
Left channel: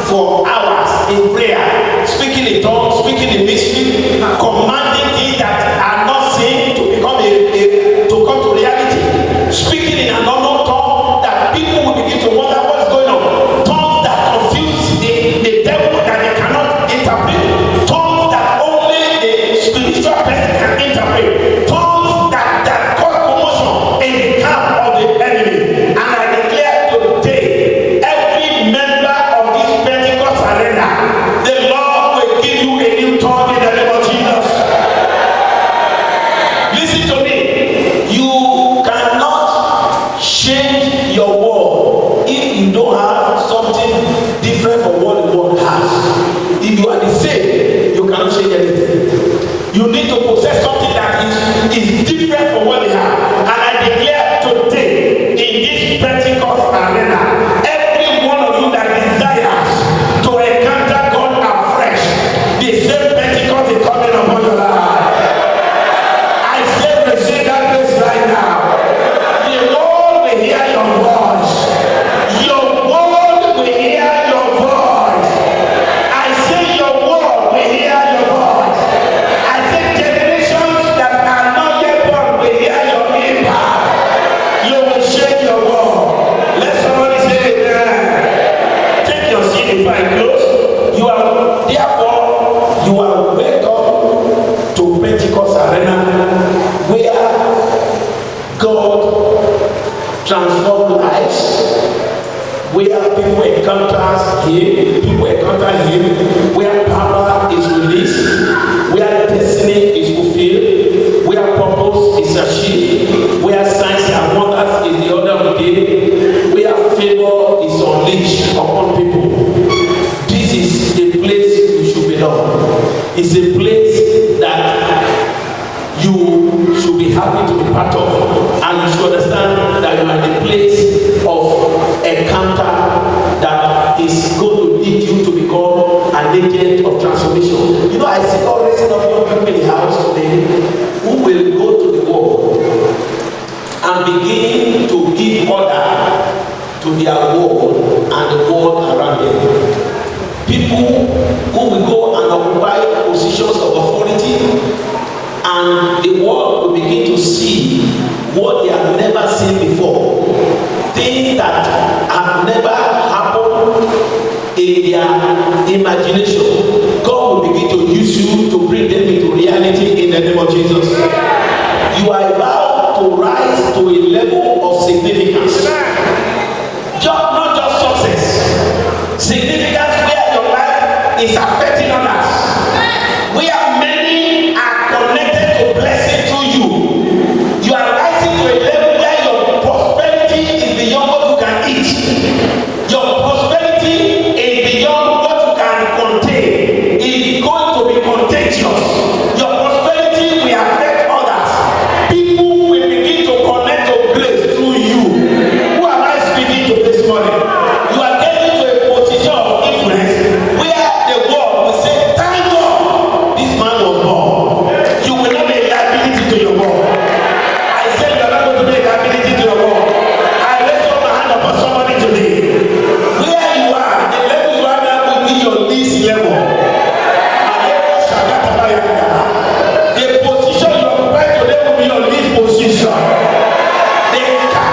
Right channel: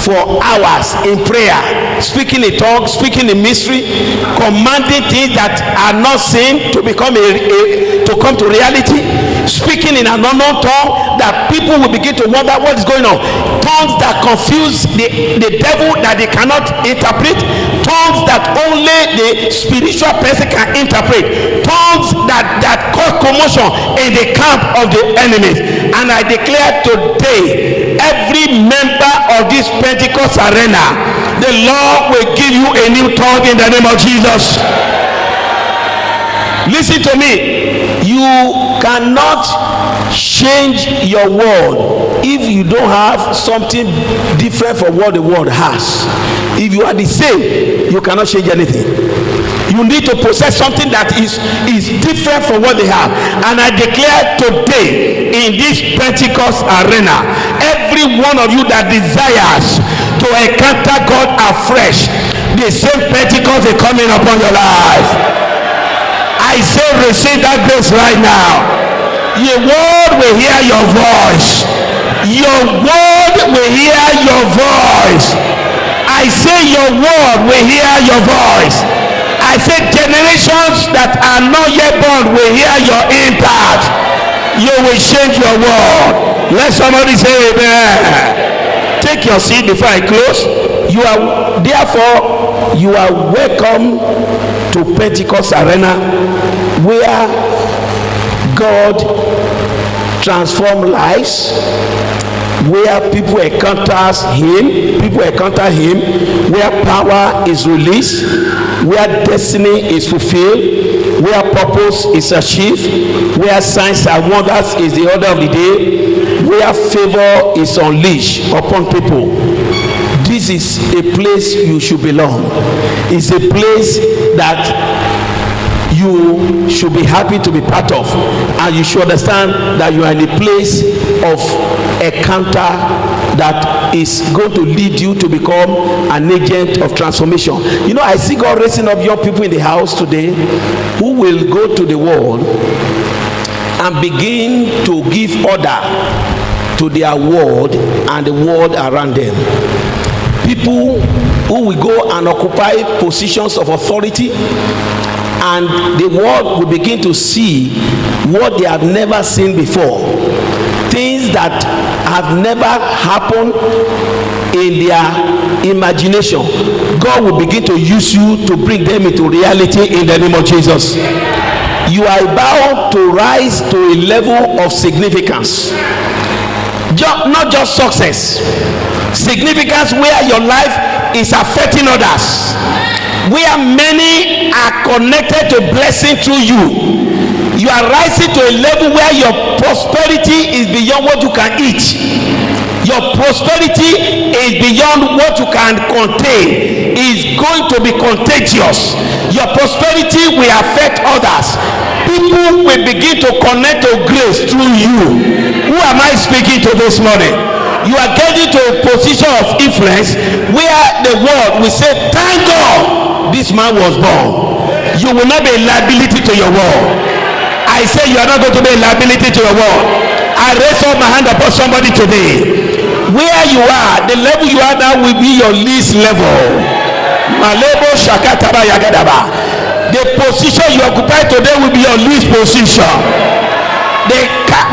for for hours in prayer, speaking in tongues, speaking in mystery, commanding things that are not seen to become to come to reality, speaking in an unknown tongue that people will begin to wonder what is going on, tongues that confuse the devil that they cannot interpret, tongues that only the spiritual person can interpret, tongues that cause commotion in the camp of the enemies. And I declare today, every member of this Pentecost arena, the Lord will give you a new tongue in the name of Jesus. Listen to me, you cannot change your world if you don't have something different from what the world has. If you are the same, you cannot change anything. You need to possess something that is different from what they have. And I declare today in this Pentecost arena, every one of you that desires to encounter God afresh, the same Pentecost is coming upon your life. I say receive that grace right now. Your word will hear your voice. Your word will hear your voice. I say your word will hear your voice. I say generations that are not yet born will hear your impact. You will change your world. Let somebody say amen. Take your seat before I close. You are welcome to Pentecost Arena, where God transforms lives, where people encounter him, where power is released, where destiny is fulfilled, where purpose is achieved, where signs and wonders is the order of the day, where favor is unleashed upon people. This is a place you should belong. It's a place that you should be happy to be part of, and you should understand that you are in a place of encounter that is going to lead you to become an agent of transformation. You know, I see God raising up young people in the house today who will go to the world and begin to give order to their world and the world around them. People who will go and occupy positions of authority, and the world will begin to see what they have never seen before. Things that have never happened in their imagination. God will begin to use you to bring them into reality in the name of Jesus. You are about to rise to a level of significance. Not just success. Significance where your life is affecting others. Where many are connected to blessing through you. You are rising to a level where your prosperity is beyond what you can eat. Your prosperity is beyond what you can contain. It's going to be contagious. Your prosperity will affect others. People will begin to connect to grace through you. Who am I speaking to this morning? You are getting to a position of influence where the world will say, thank God this man was born. You will not be a liability to your world. I say you are not going to be a liability to your world. I raise up my hand upon somebody today. Where you are, the level you are now will be your least level. Malebo Shakataba Yagadaba. The position you occupy today will be your least position.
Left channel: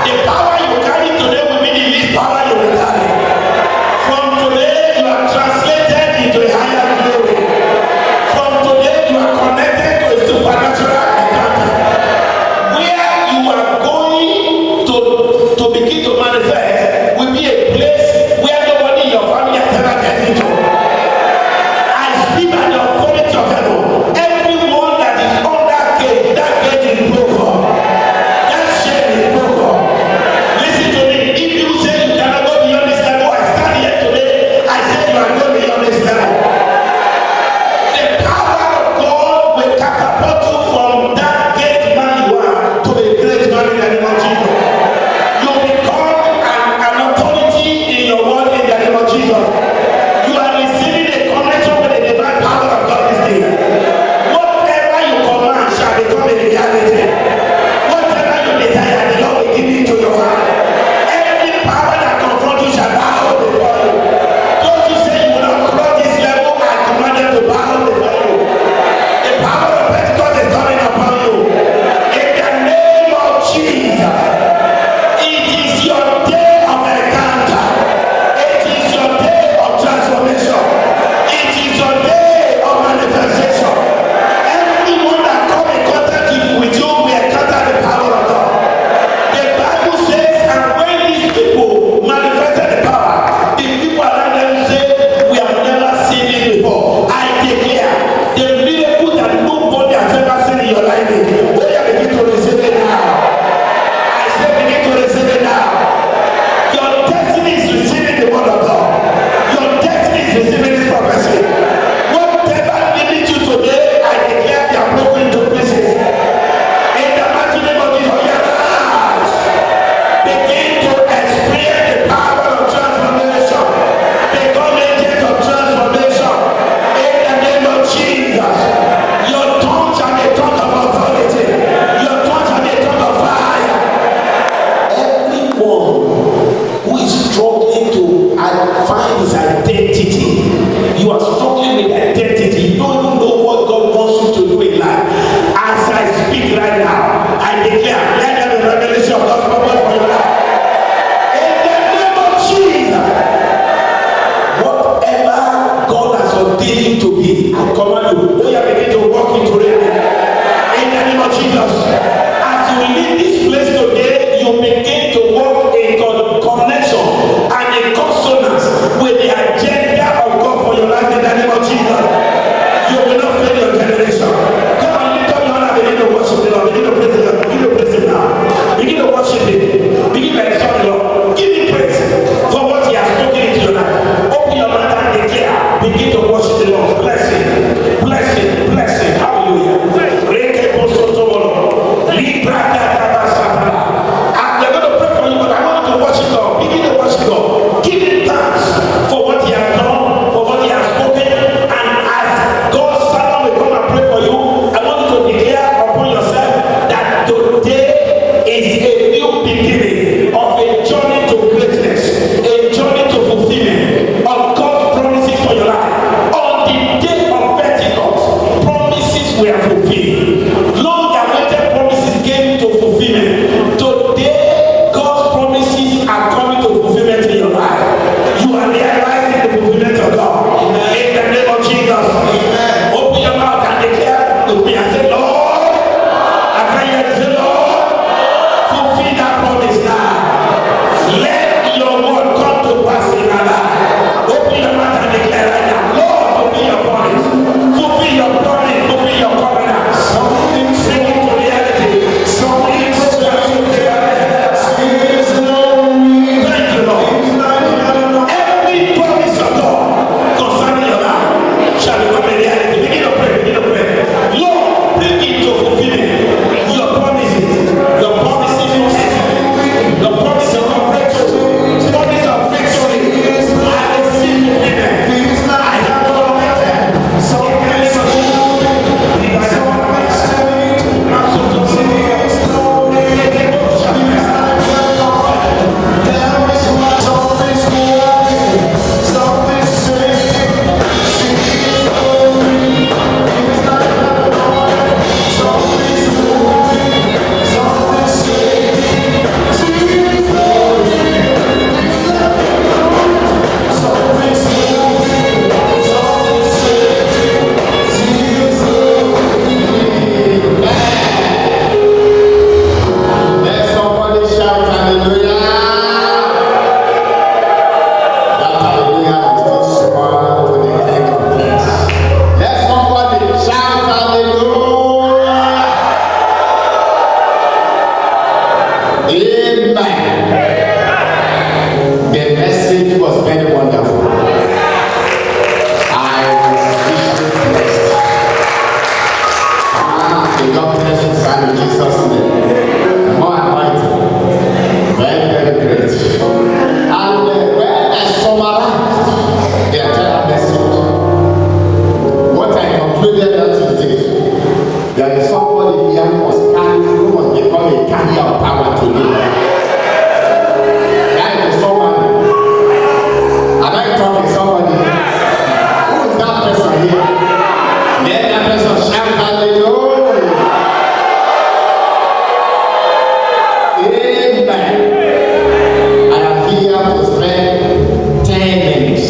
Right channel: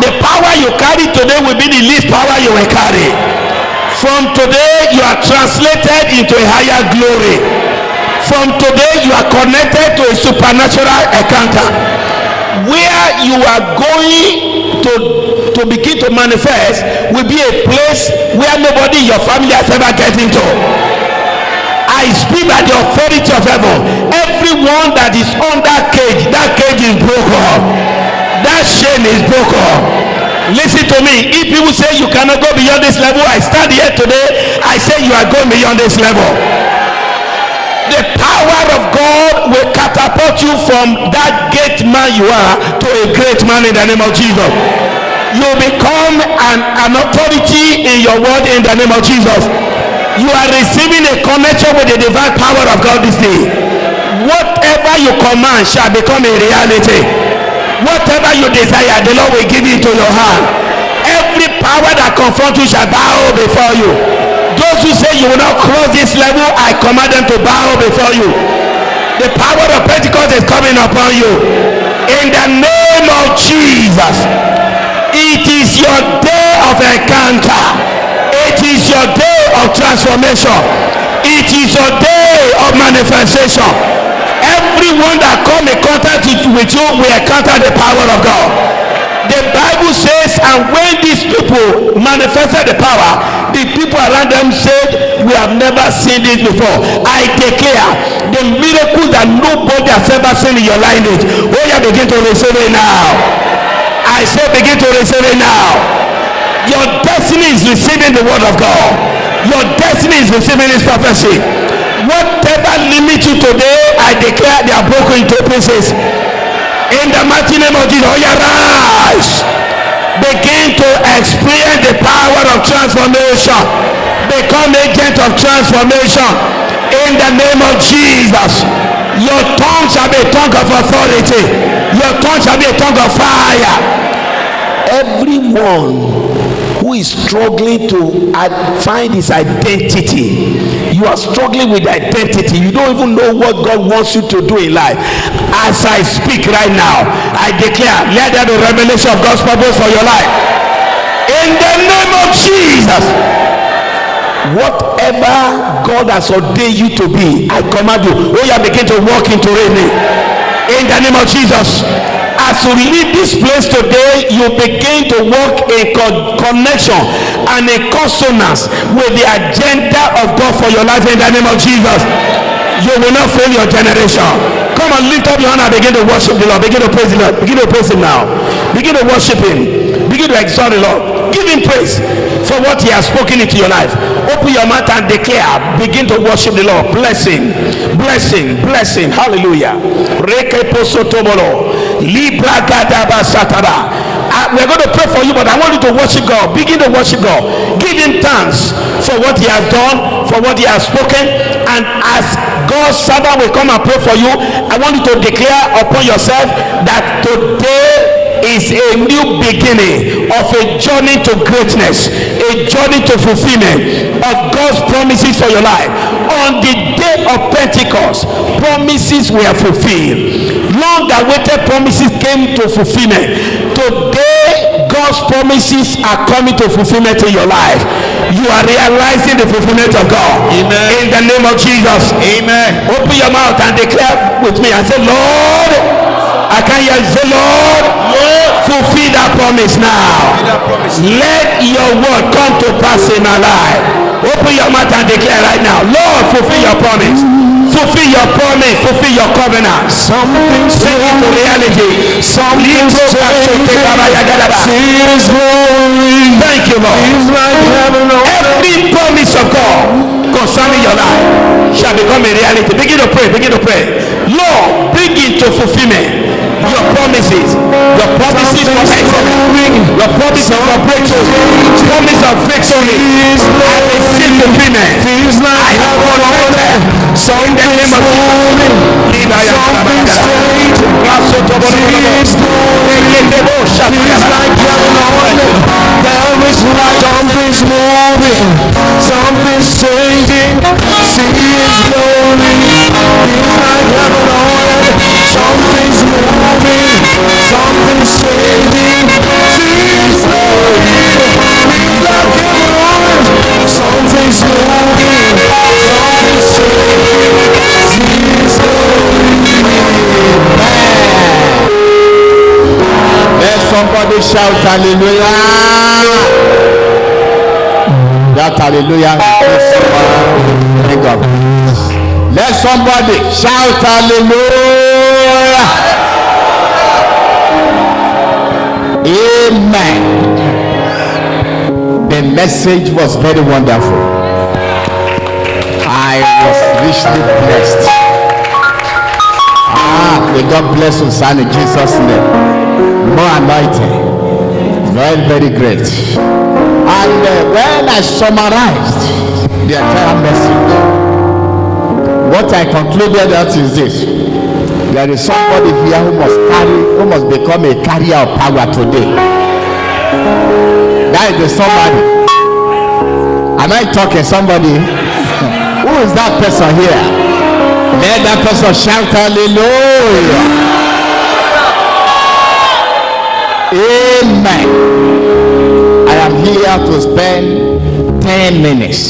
The power you carry today will be the least power you will carry. From today you are translated into a higher glory. From today you are connected to a supernatural encounter. Where you are going to begin to manifest will be a place where nobody in your family has ever get into. I speak by the authority of heaven. Everyone that is on that cage is broken. That chain is broken. Listen to me. If people say you cannot go beyond this level, I stand here today, I say you are going beyond this level. The power of God will catapult you from that gate man you are to a great man in the name of Jesus. You become an authority in your word in the name of Jesus. You are receiving a connection with the divine power of God this day. Whatever you command shall become a reality. Whatever you desire, the Lord will give it to your hand. Every power that confronts you shall bow before you. Those who say you will not manifestation. It is your day of manifestation. Everyone that come in contact with you will encounter the power of God. The Bible says, and when these people manifested the power, the people around them said, we have never seen this before. I declare the miracle that nobody has ever seen in your lineage. Oh, yeah, begin to receive it now. I say, begin to receive it now. Your destiny is receiving the word of God. Your destiny is receiving this prophecy. Whatever limits you today, I declare they are broken into pieces. In the mighty name of Jesus, oh, yeah, rise. Begin to experience the power of transformation. Become agent of transformation. In the name of Jesus. Your tongue shall be a tongue of authority. Your tongue shall be a tongue of fire. Everyone who is struggling to find his identity, you are struggling with identity. You don't even know what God wants you to do in life. As I speak right now, I declare, let there be revelation of God's purpose for your life. In the name of Jesus. Whatever God has ordained you to be, I command you, when you begin to walk into it. In the name of Jesus. As you leave this place today, you begin to walk in connection and in consonance with the agenda of God for your life in the name of Jesus. You will not fail your generation. Come on, lift up your hand and begin to worship the Lord. Begin to praise the Lord. Begin to praise him now. Begin to worship him. Begin to exalt the Lord. Give him praise for what he has spoken into your life. Open your mouth and declare. Begin to worship the Lord. Blessing, blessing, blessing. Hallelujah. We're going to pray for you, but I want you to worship God. Begin to worship God. Give him thanks for what he has done, for what he has spoken. And as God's servant will come and pray for you, I want you to declare upon yourself that today is a new beginning of a journey to greatness, a journey to fulfillment of God's promises for your life. On the day of Pentecost, promises were fulfilled. Long awaited promises came to fulfillment. Today, God's promises are coming to fulfillment in your life. You are realizing the fulfillment of God. Amen. In the name of Jesus. Amen. Open your mouth and declare with me and say, Lord, I can hear you say, Lord, fulfill that promise now. Let your word come to pass in our life. Open your mouth and declare right now, Lord, fulfill your promise. Fulfill your promise. Fulfill your covenant. Something sing into reality. Something so thank you, Lord. Every promise of God concerning your life shall become a reality. Begin to pray. Begin to pray. Lord, bring into fulfillment your promises. The promises of excellence. The promises of breakthrough. Promise of victory. I receive fulfillment. I have all of them. So in the name of something's changing. See his glory. He's like Lord. Something's moving. Something's changing. See his glory. He's like Lord. Something's moving. Something's changing. See his glory. Let somebody shout hallelujah. Hallelujah. Let somebody shout hallelujah. Amen. The message was very wonderful. I was richly blessed. May God bless you, son, in Jesus' name. More anointing. Very, very great. And when I summarized the entire message, what I concluded that is this: there is somebody here who must become a carrier of power today. That is the somebody. Am I talking somebody? Who is that person here? Let that person shout hallelujah. Amen. I am here to spend 10 minutes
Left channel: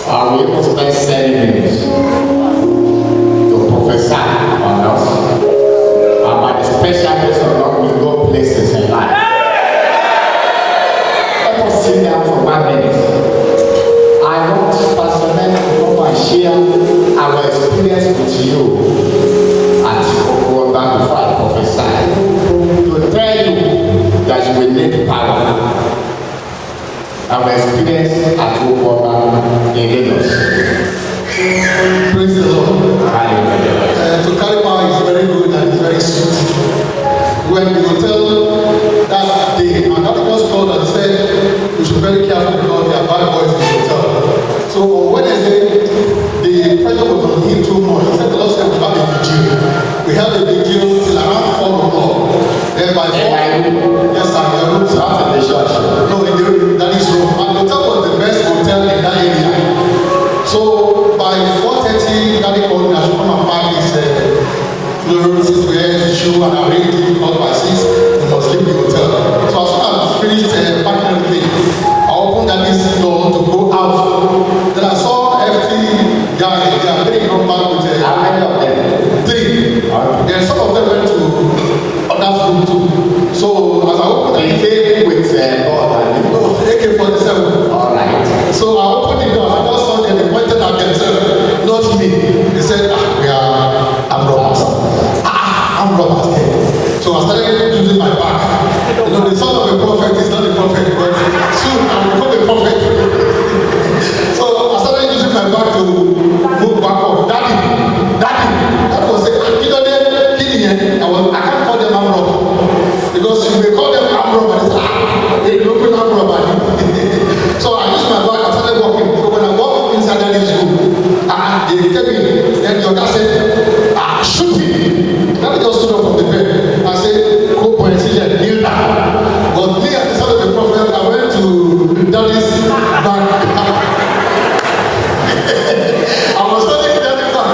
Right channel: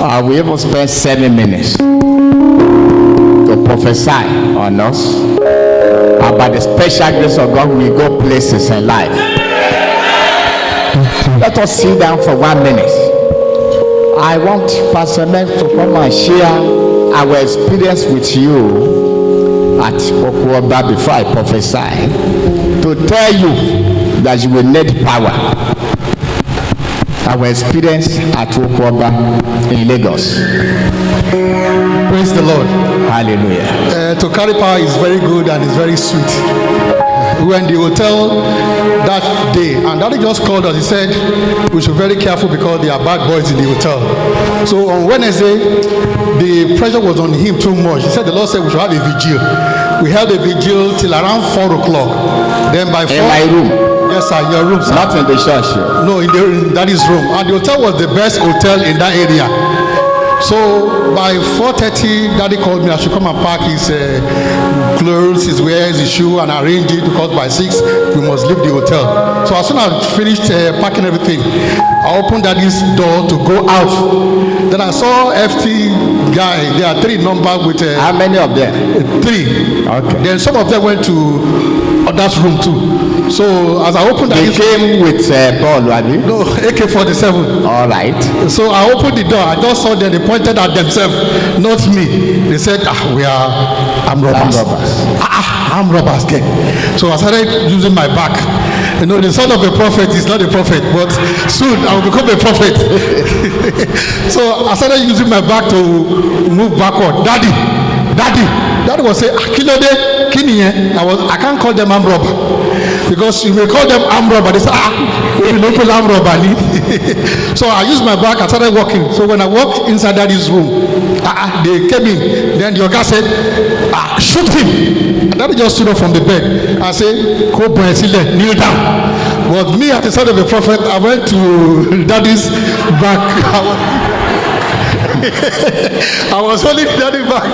We will spend 7 minutes to prophesy on us. By the special grace of God, we go places in life. Let us sit down for 1 minute. I want Pastor Len to come and share our experience with you at Okwaba before I prophesy, to tell you that you will need power. Our experience at Okwaba in Lagos. Praise the Lord. Hallelujah. To carry power is very good and it's very sweet. We were in the hotel that day, and Daddy just called us. He said we should be very careful because there are bad boys in the hotel. So on Wednesday, the pressure was on him too much. He said the Lord said we should have a vigil. We held a vigil till around 4 o'clock. Then by 4, in my room. Yes, sir, your room, sir. Not in the church. No, in Daddy's room. And the hotel was the best hotel in that area. So by 4:30, Daddy called me. I should come and pack his clothes, his wears, his shoe, and arrange it because by 6 we must leave the hotel. So as soon as I finished packing everything, I opened Daddy's door to go out. Then I saw FT guy. There are 3 numbers with. How many of them? 3. Okay. Then some of them went to others room too. So as I opened They came with ball, right? no, AK-47. All right. So I opened the door. I just saw them. They pointed at themselves, not me. They said, we are armed robbers. Armed robbers, again. So I started using my back. You know, the son of a prophet is not a prophet, but soon I will become a prophet. So I started using my back to move backward. Daddy was saying, Kilode, Kiniye. I can't call them armed robber. Because if we call them armed robber, they say, we local armed robber. So I used my back, I started walking. So when I walked inside Daddy's room, they came in. Then your guy said, shoot him. And Daddy just stood up from the bed. I said, go boy, kneel down. But me as the son of the prophet, I went to Daddy's back. I was holding Daddy back.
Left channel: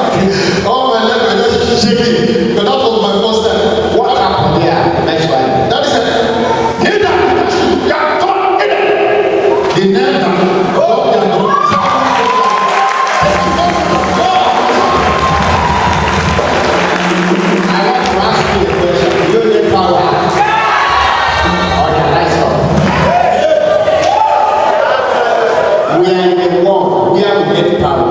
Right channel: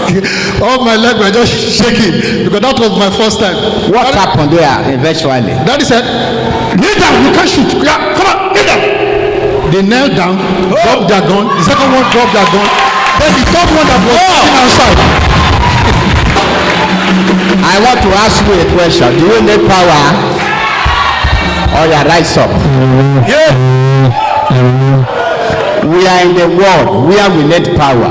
All my legs were just shaking because that was my first time. What happened there eventually? Daddy said, kneel down, you can't shoot. Yeah, come on, kneel down. They knelt down, dropped their gun. The second one dropped their gun. Then the third one that was sitting outside. I want to ask you a question. Do you need power? Or you rise up? We are in the world where we need power.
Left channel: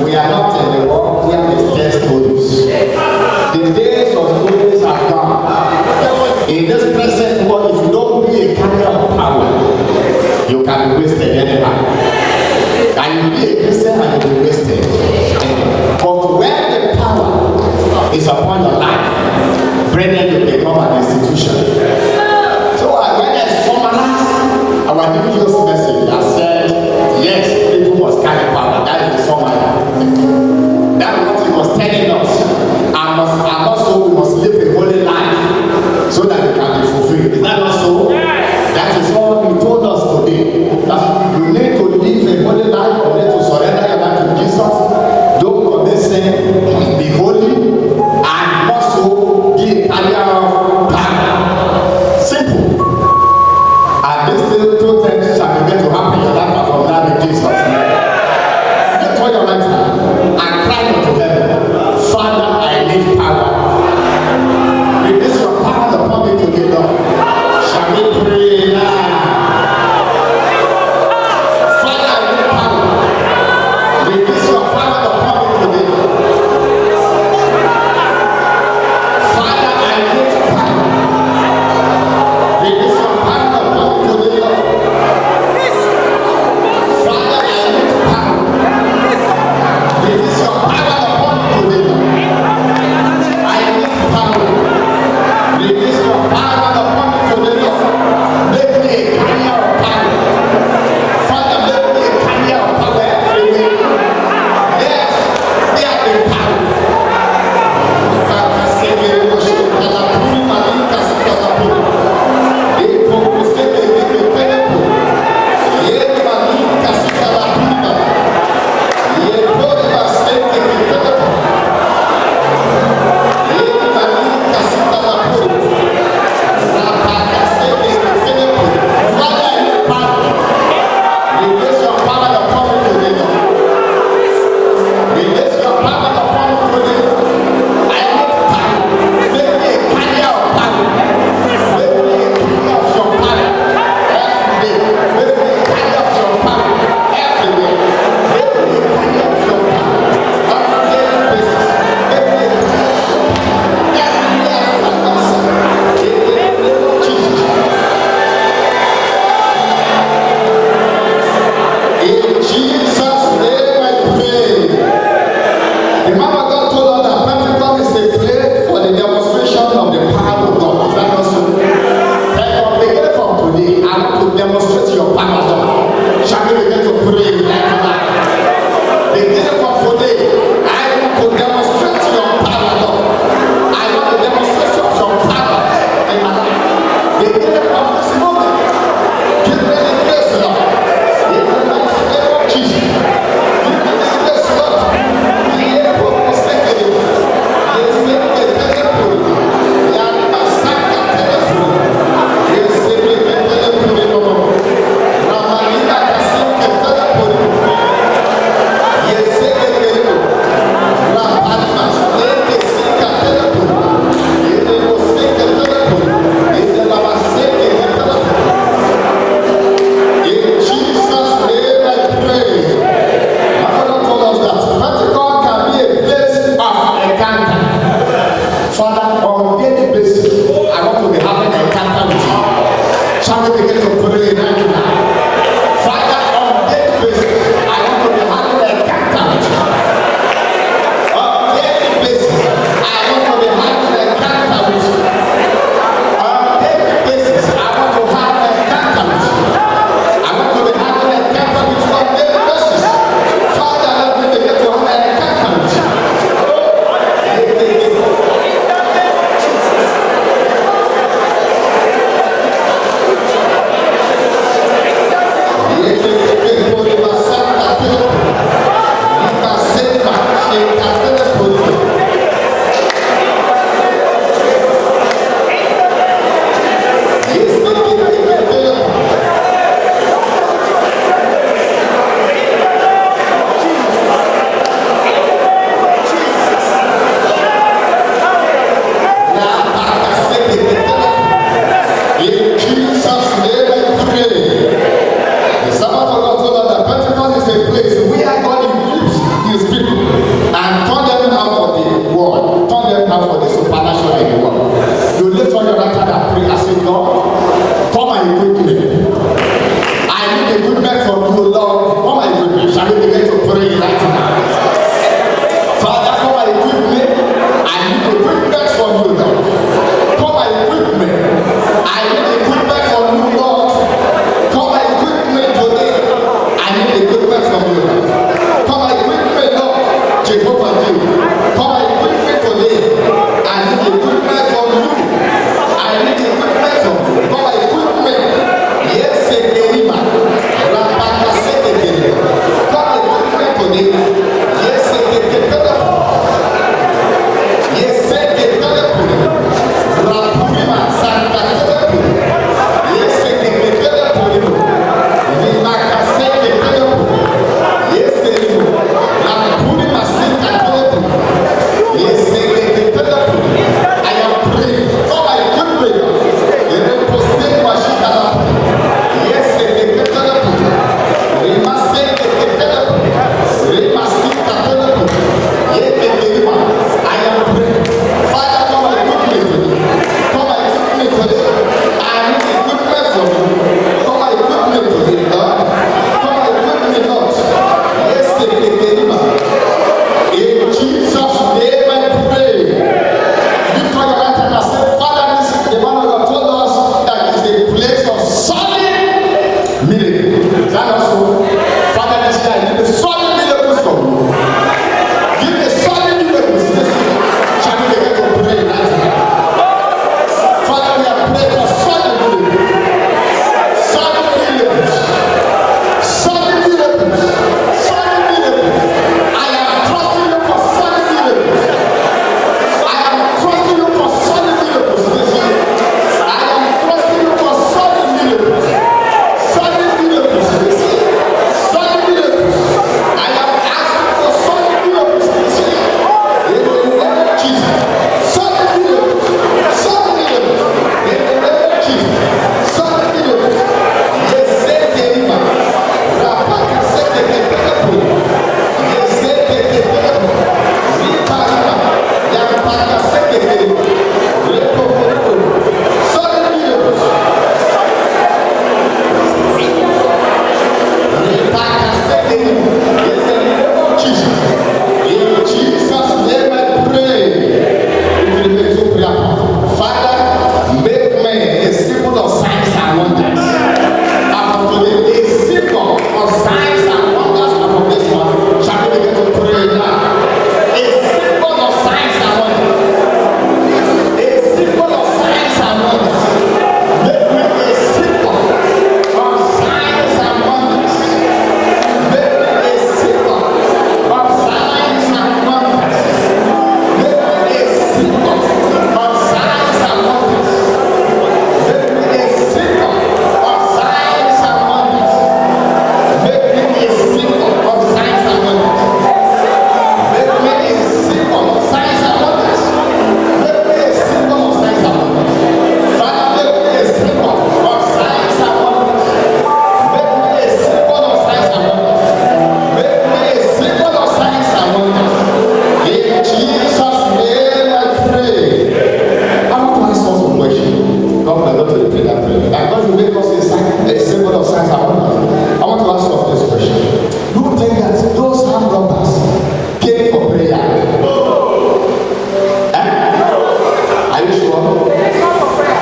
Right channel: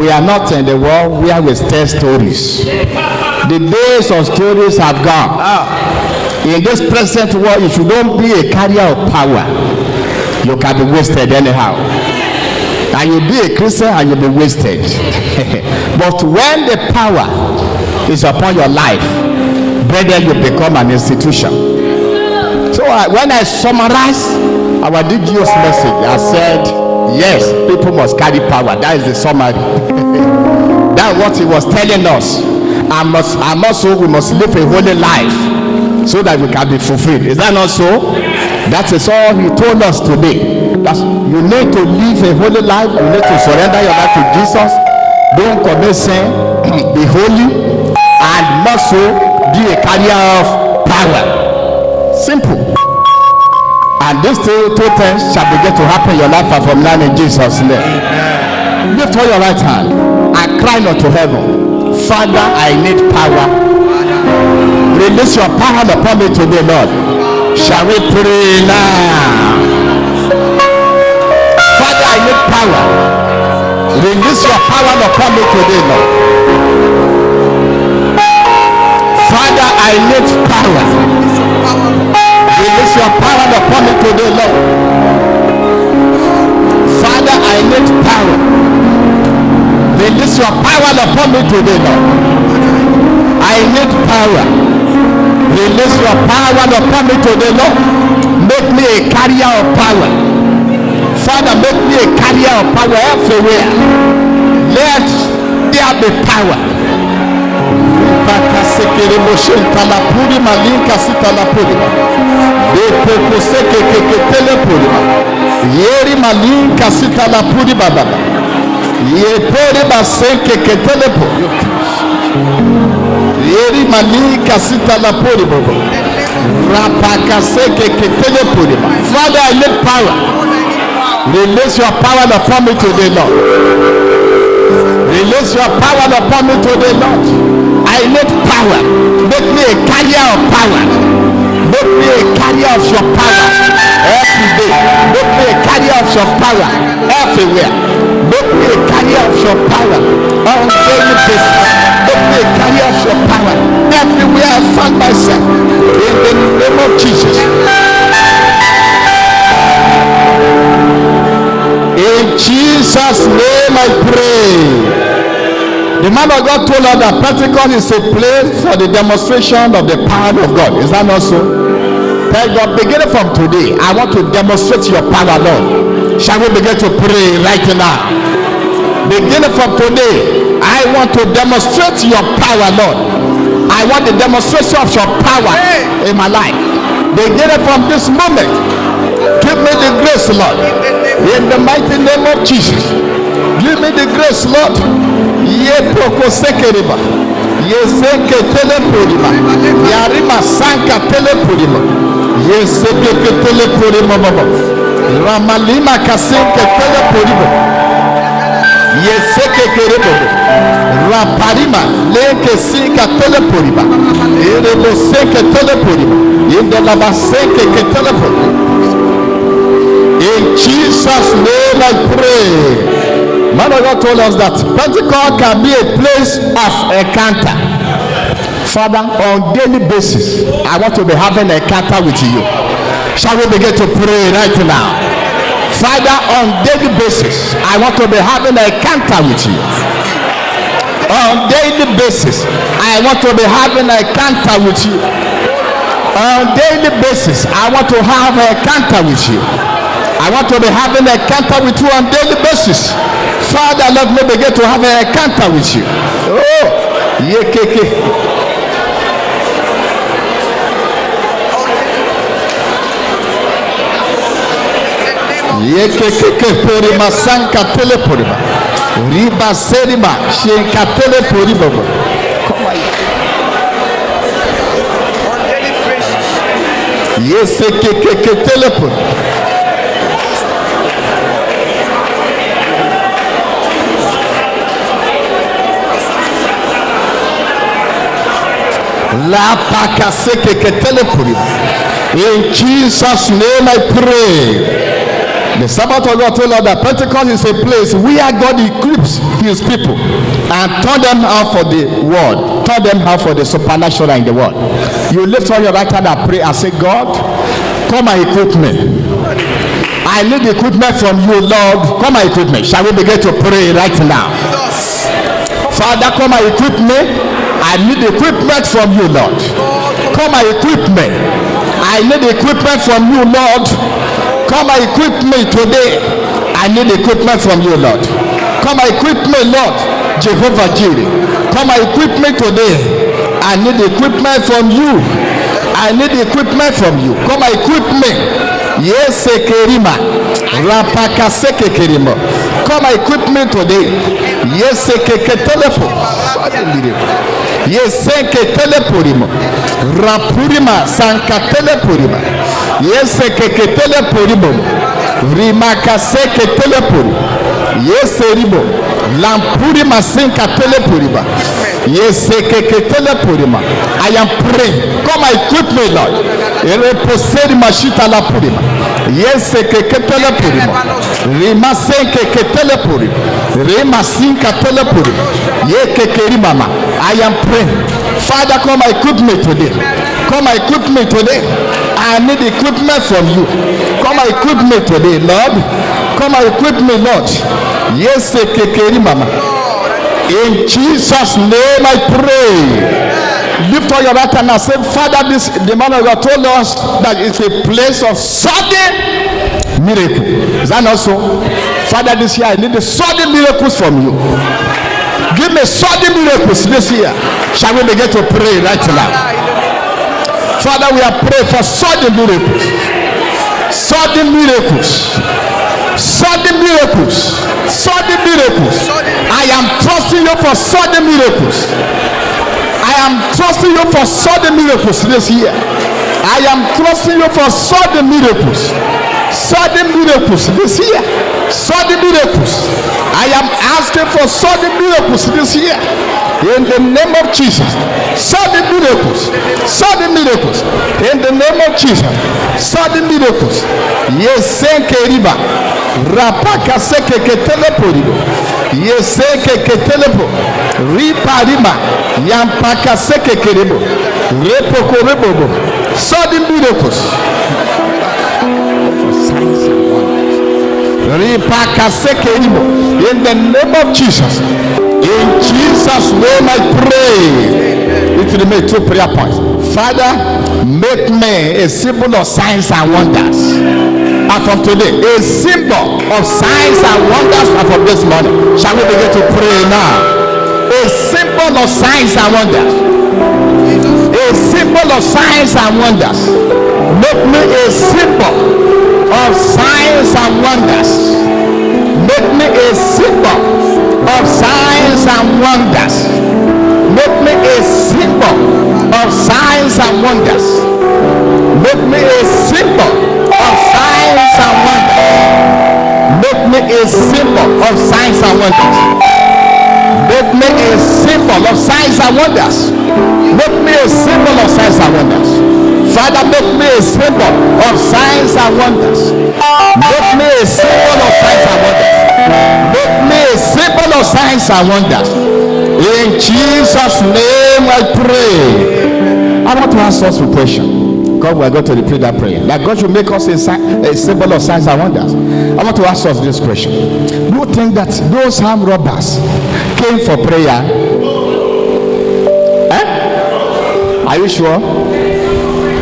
We are not in the world where we tell stories. The days of stories have gone. In this present world, if you don't be a carrier of power, you can be wasted anyhow. And you be a Christian and you'll be wasted. But when the power is upon your life, then you become an institution. So when I summarize our DGO's message, I said, yes, people must carry power. That is the summary. That's what he was telling us. And also we must live a holy life so that we can be fulfilled. Is that not so? That is all he told us today. You need to live a holy life. You need to surrender your life to Jesus. Don't commit sin. Be holy. And also be a carrier of power. Simple. And these two things shall begin to happen in your life and from now in Jesus' name. Lift all your right hand and cry unto heaven. Father, I need power. Release your power upon me today, Lord. Shall we pray now? Father, I need power. Release your power upon me today, Lord. Father, I need power. Release your power upon me today, Lord. Father, I need power. Release your power upon me today, Lord. I need power. Release your power upon me today, Lord. Make me a carrier of power. Father, make me a carrier of power everywhere. Let there be power. Yeri malinka sita la puri baba. Yepere basenke ketelepo. Yeri malinka sita la puri baba. Rapaka seke ketelepo. Father, I need power. Release your power upon me today, Lord. Release your power upon me today, Lord. I need power. Make me a carrier of power. Make me a carrier of your power every day. Make me a carrier of your power everywhere. Make me a carrier of your power on daily basis. Make me a carrier of your power everywhere I find myself. In the name of Jesus. In Jesus' name I pray. The man of God told us that Pentecost is a place for the demonstration of the power of God. Is that not so? Thank God, beginning from today, I want to demonstrate your power, Lord. Shall we begin to pray right now? Beginning from today, I want to demonstrate your power, Lord. I want the demonstration of your power in my life. Beginning from this moment, give me the grace, Lord. In the mighty name of Jesus. Give me the grace, Lord. Ye poko sekeriba. Ye seke telepurima. Yarima sanka telepurima. Ye seke telepurima baba. Ramalima kasinke telepurima. Ye seke kerebo. Raparima leke sinka telepurima. Erebo seke telepurima. Ye laba seke telepurima. In Jesus' name I pray. Man of God told us that Pentecost can be a place of encounter. Father, on daily basis, I want to be having an encounter with you. Shall we begin to pray right now? Father, on daily basis, I want to be having an encounter with you. On daily basis, I want to be having an encounter with you. On daily basis, I want to have an encounter with you. I want to be having an encounter with you on daily basis. Father, let me begin to have an encounter with you. Oh, yekeke. Yekeke porima sanka teleporima. Riba selima shenka teleporima. Yesekeke teleporima. In Jesus' name I pray. The Sabbath of God told us that Pentecost is a place where God equips his people and turn them out for the world, turn them out for the supernatural in the world. You lift on your right hand and pray and say, God, come and equip me. I need equipment from you, Lord. Come and equip me. Shall we begin to pray right now? Father, come and equip me. I need equipment from you, Lord. Come and equip me. I need equipment from you, Lord. Come and equip me today. I need equipment from you, Lord. Come and equip me, Lord. Jehovah Jireh. Come and equip me today. I need equipment from you. I need equipment from you. Come and equip me. Yes, Kerima. Rapaka Sekerima. Come and equip me today. Yes, Telephone. Yeseke telepurima, rapurima sanka telepurima, yeseke telepurima, rimaka seke telepurima, yeseribo, lampurima sanka telepurima, yeseke telepurima. I am praying. Come and equip me, Lord. Reposeri mashita la purima, yeseke telepurima, rima seke telepurima, rima sanka telepurima. I am praying. Father, come and equip me today. Come and equip me today. I need equipment from you. Come and equip me today, Lord. Come and equip me, Lord. Yes, in Jesus' name I pray. Lift all your right hand and say, Father, the man of God told us that it's a place of sudden miracle. Is that not so? Father, this year I need the sudden miracles from you. Give me sudden miracles this year. Shall we begin to pray right now? Father, we are praying for sudden miracles. Sudden miracles. Sudden miracles. Sudden miracles. I am trusting you for sudden miracles. I am trusting you for sudden miracles this year. I am trusting you for sudden miracles. Sudden miracles this year. miracles this year. In the name of Jesus. Sudden miracles. Sudden miracles. In the name of Jesus. Sudden miracles. Yeseke riba. Rapaka seke ketelepori. Yeseke ketelepo. Ripa rima. Yampaka seke keribo. Repoko rebobo. Sudden miracles. Ripaka seke ribo. In the name of Jesus. In Jesus' name I pray. It will make 2 prayer points. Father, make me a symbol of signs and wonders. And from today, a symbol of signs and wonders and from this morning. Shall we begin to pray now? A symbol of signs and wonders. A symbol of signs and wonders. Make me a symbol of signs and wonders. Make me a symbol of signs and wonders. Make me a symbol of signs and wonders. Make me a symbol of signs and wonders. Make me a symbol of signs and wonders. Make me a symbol of signs and wonders. Make me a symbol of signs and wonders. Father, make me a symbol of signs and wonders. Make me a symbol of signs and wonders. Make me a symbol of signs and wonders. In Jesus' name I pray. I want to ask us a question. God will go to repeat that prayer. That God should make us a symbol of signs and wonders. I want to ask us this question. You think that those armed robbers came for prayer? Are you sure?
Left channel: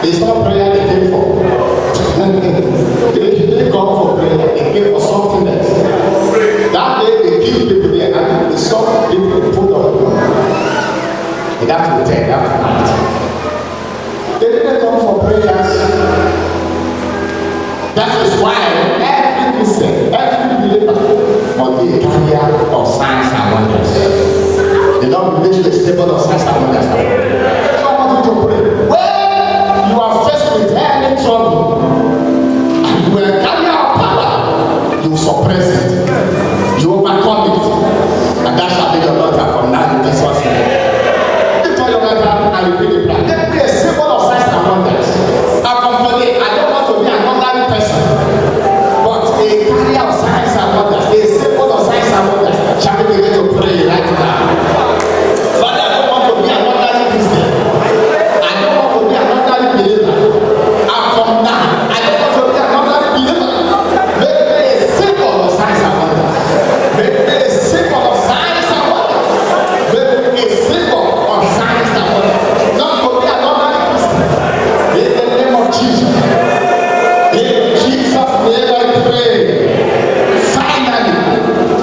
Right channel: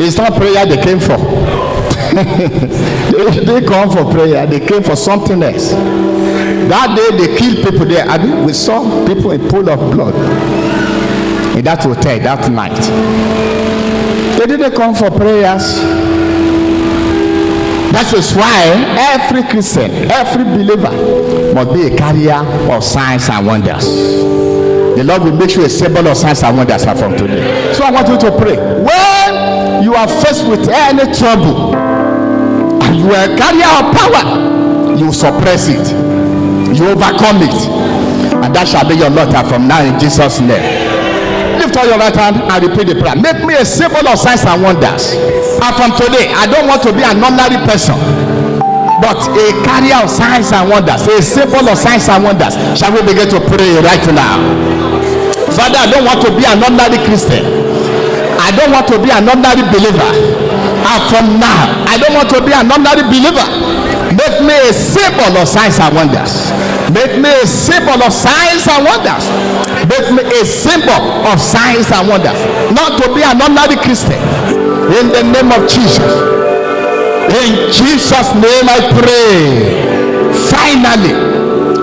It's not prayer they came for. They didn't come for prayer. They came for something else. That day they killed people there. I mean, we saw people in pool of blood in that hotel that night. They didn't come for prayers. That is why every Christian, every believer must be a carrier of signs and wonders. The Lord will make you a symbol of signs and wonders from today. So I want you to pray. When you are faced with any trouble, and you are a carrier of power, you suppress it. You overcome it, and that shall be your daughter from now in Jesus' name. Lift all your right hand and repeat the prayer. Make me a symbol of signs and wonders. And from today, I don't want to be an ordinary person, but a carrier of signs and wonders, a symbol of signs and wonders. Shall we begin to pray right now? Father, I don't want to be an ordinary Christian. I don't want to be an ordinary believer. And from now, I don't want to be an ordinary believer. Make me a symbol of signs and wonders. Make me a symbol of signs and wonders. Make me a symbol of signs and wonders. Not to be an ordinary Christian. In the name of Jesus. In Jesus' name I pray. Finally,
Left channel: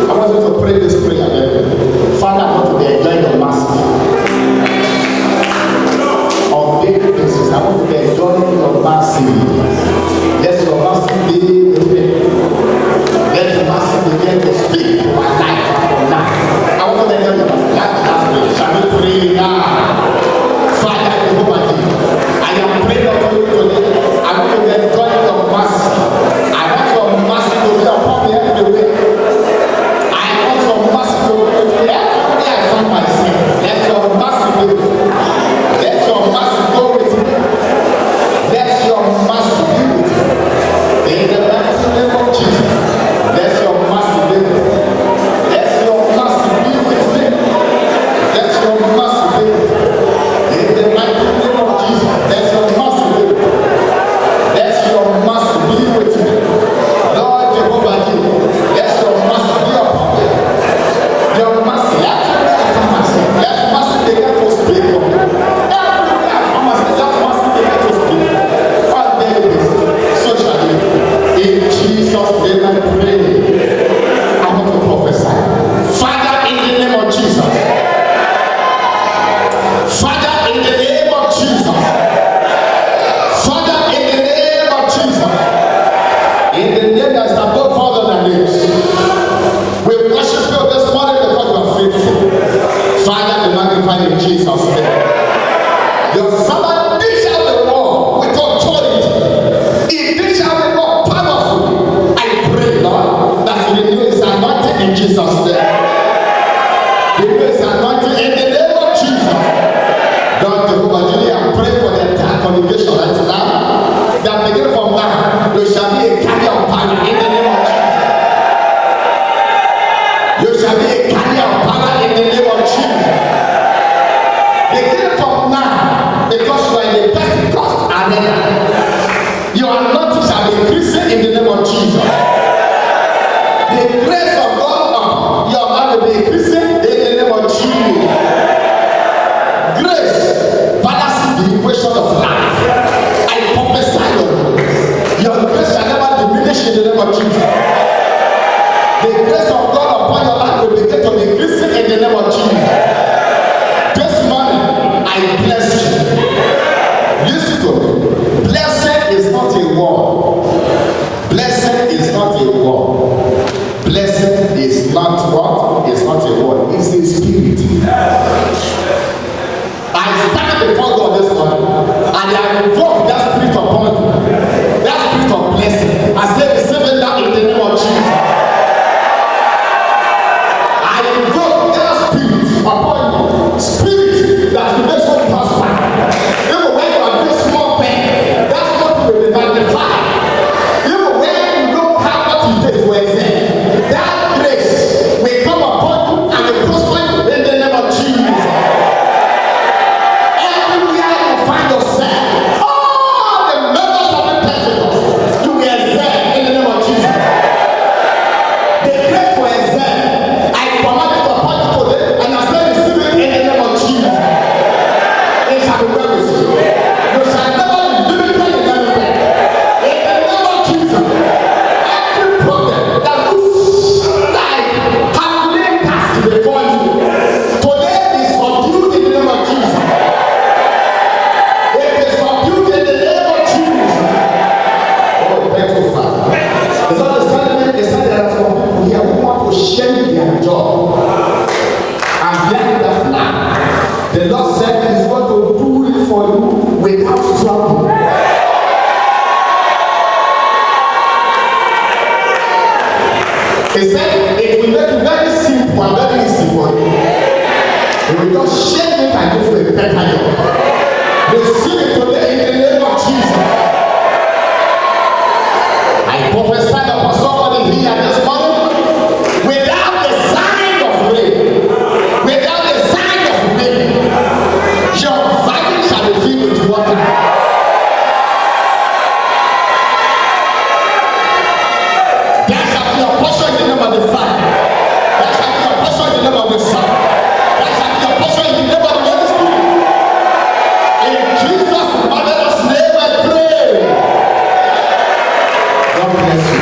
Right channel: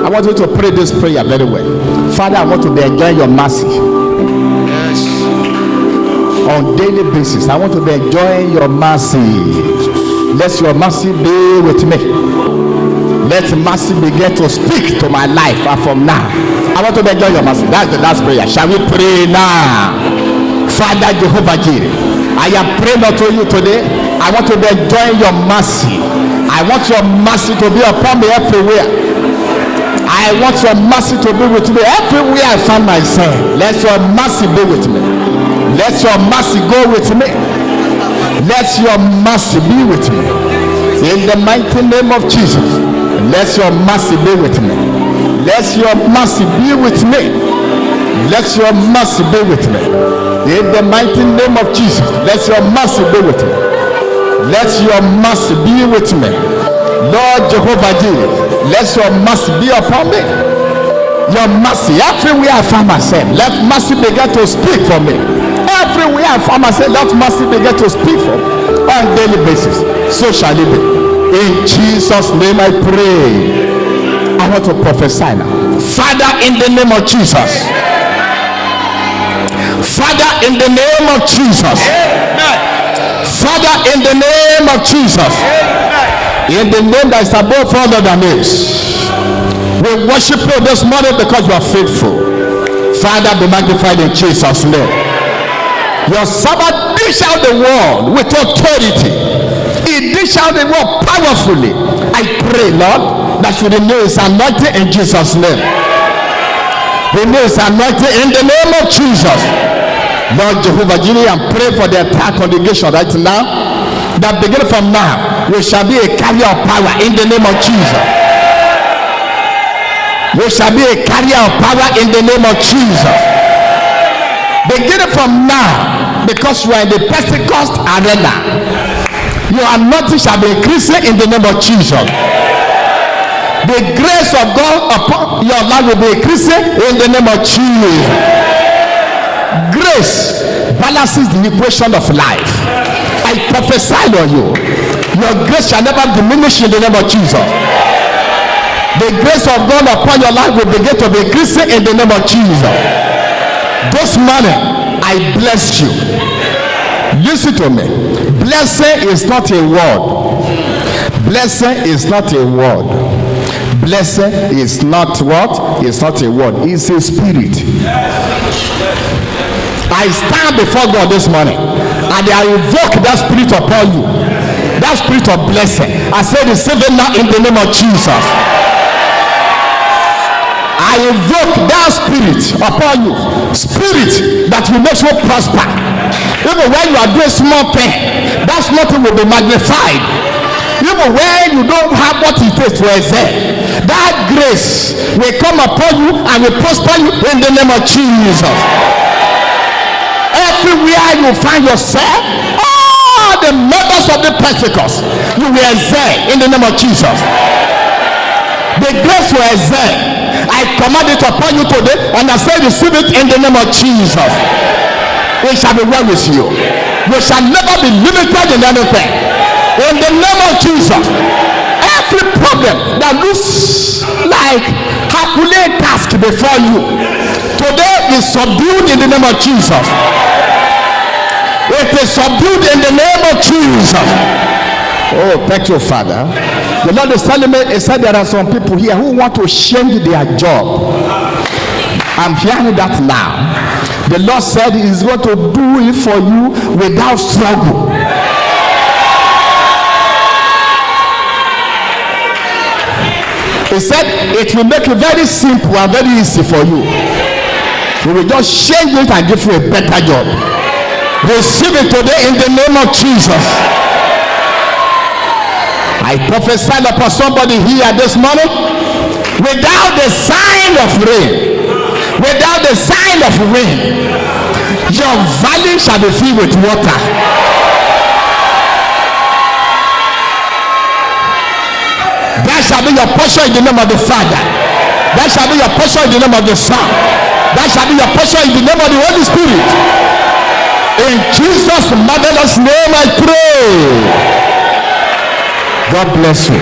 I want you to pray this prayer very well. Father, I want to be enjoying your mercy. On daily basis, I want to be enjoying your mercy. Let your mercy be with me. Let mercy begin to speak to my life. And from now, I want to enjoy your mercy. That's the last prayer. Shall we pray now? Father Jehovah Jireh, I am praying unto you today. I want to be enjoying your mercy. I want your mercy to be upon me everywhere. I want your mercy to be with me everywhere I find myself. Let your mercy be with me. Let your mercy go with me. Let your mercy be with me. In the mighty name of Jesus, let your mercy be with me. Let your mercy be with me. Let your mercy be with me. In the mighty name of Jesus, let your mercy be with me. Let your mercy be with me. Lord Jehovah Jireh, let your mercy be upon me. Your mercy, everywhere I find myself, let mercy begin to speak for me. Everywhere I find myself, let mercy begin to speak for me. On a daily basis, so shall it be. In Jesus' name I pray. I want to prophesy. Father, in the name of Jesus. Father, in the name of Jesus. Father, in the name of Jesus. In the name that is above all other names. We worship you this morning because you are faithful. Father, be magnified in Jesus' name. Your servant dish out the word with authority. He dish out the word powerfully. I pray, Lord, that you renew his anointing in Jesus' name. Release anointing in the name of Jesus. Lord Jehovah, you and pray for the entire congregation right now. That beginning from now, we shall be a carrier of power in the name of Jesus. We shall be a carrier of power in the name of Jesus. Beginning from now, because you are in the Pentecost arena, your anointing shall be increasing in the name of Jesus. The grace of God upon your life will be increasing in the name of Jesus. Grace balances the equation of life. I prophesy on you. Your grace shall never diminish in the name of Jesus. The grace of God upon your life will begin to be increasing in the name of Jesus. This morning, I bless you. Listen to me. Blessing is not a word. Blessing is not a word. Blessing is not what? It's not a word. It's a spirit. I stand before God this morning and I invoke that spirit upon you. That spirit of blessing. I say receive it now in the name of Jesus. I invoke that spirit upon you. Spirit that will make you prosper. Even when you are doing small thing, that small thing will be magnified. Even when you don't have what it takes to excel, that grace will come upon you and will prosper you in the name of Jesus. Everywhere you find yourself, all the members of the Pentecost, you will excel in the name of Jesus. The grace will excel. I command it upon you today, and I say receive it in the name of Jesus. It shall be well with you. We shall never be limited in anything. In the name of Jesus, every problem that looks like Herculean task before you, today is subdued in the name of Jesus. It is subdued in the name of Jesus. Oh, thank you, Father. The Lord is telling me, he said there are some people here who want to change their job. I'm hearing that now. The Lord said he is going to do it for you without struggle. He said it will make it very simple and very easy for you. He will just change it and give you a better job. Receive it today in the name of Jesus. I prophesy upon somebody here this morning, without the sign of rain, without the sign of rain, your valley shall be filled with water. That shall be your portion in the name of the Father. That shall be your portion in the name of the Son. That shall be your portion in the name of the Holy Spirit. In Jesus' marvelous name I pray. God bless you.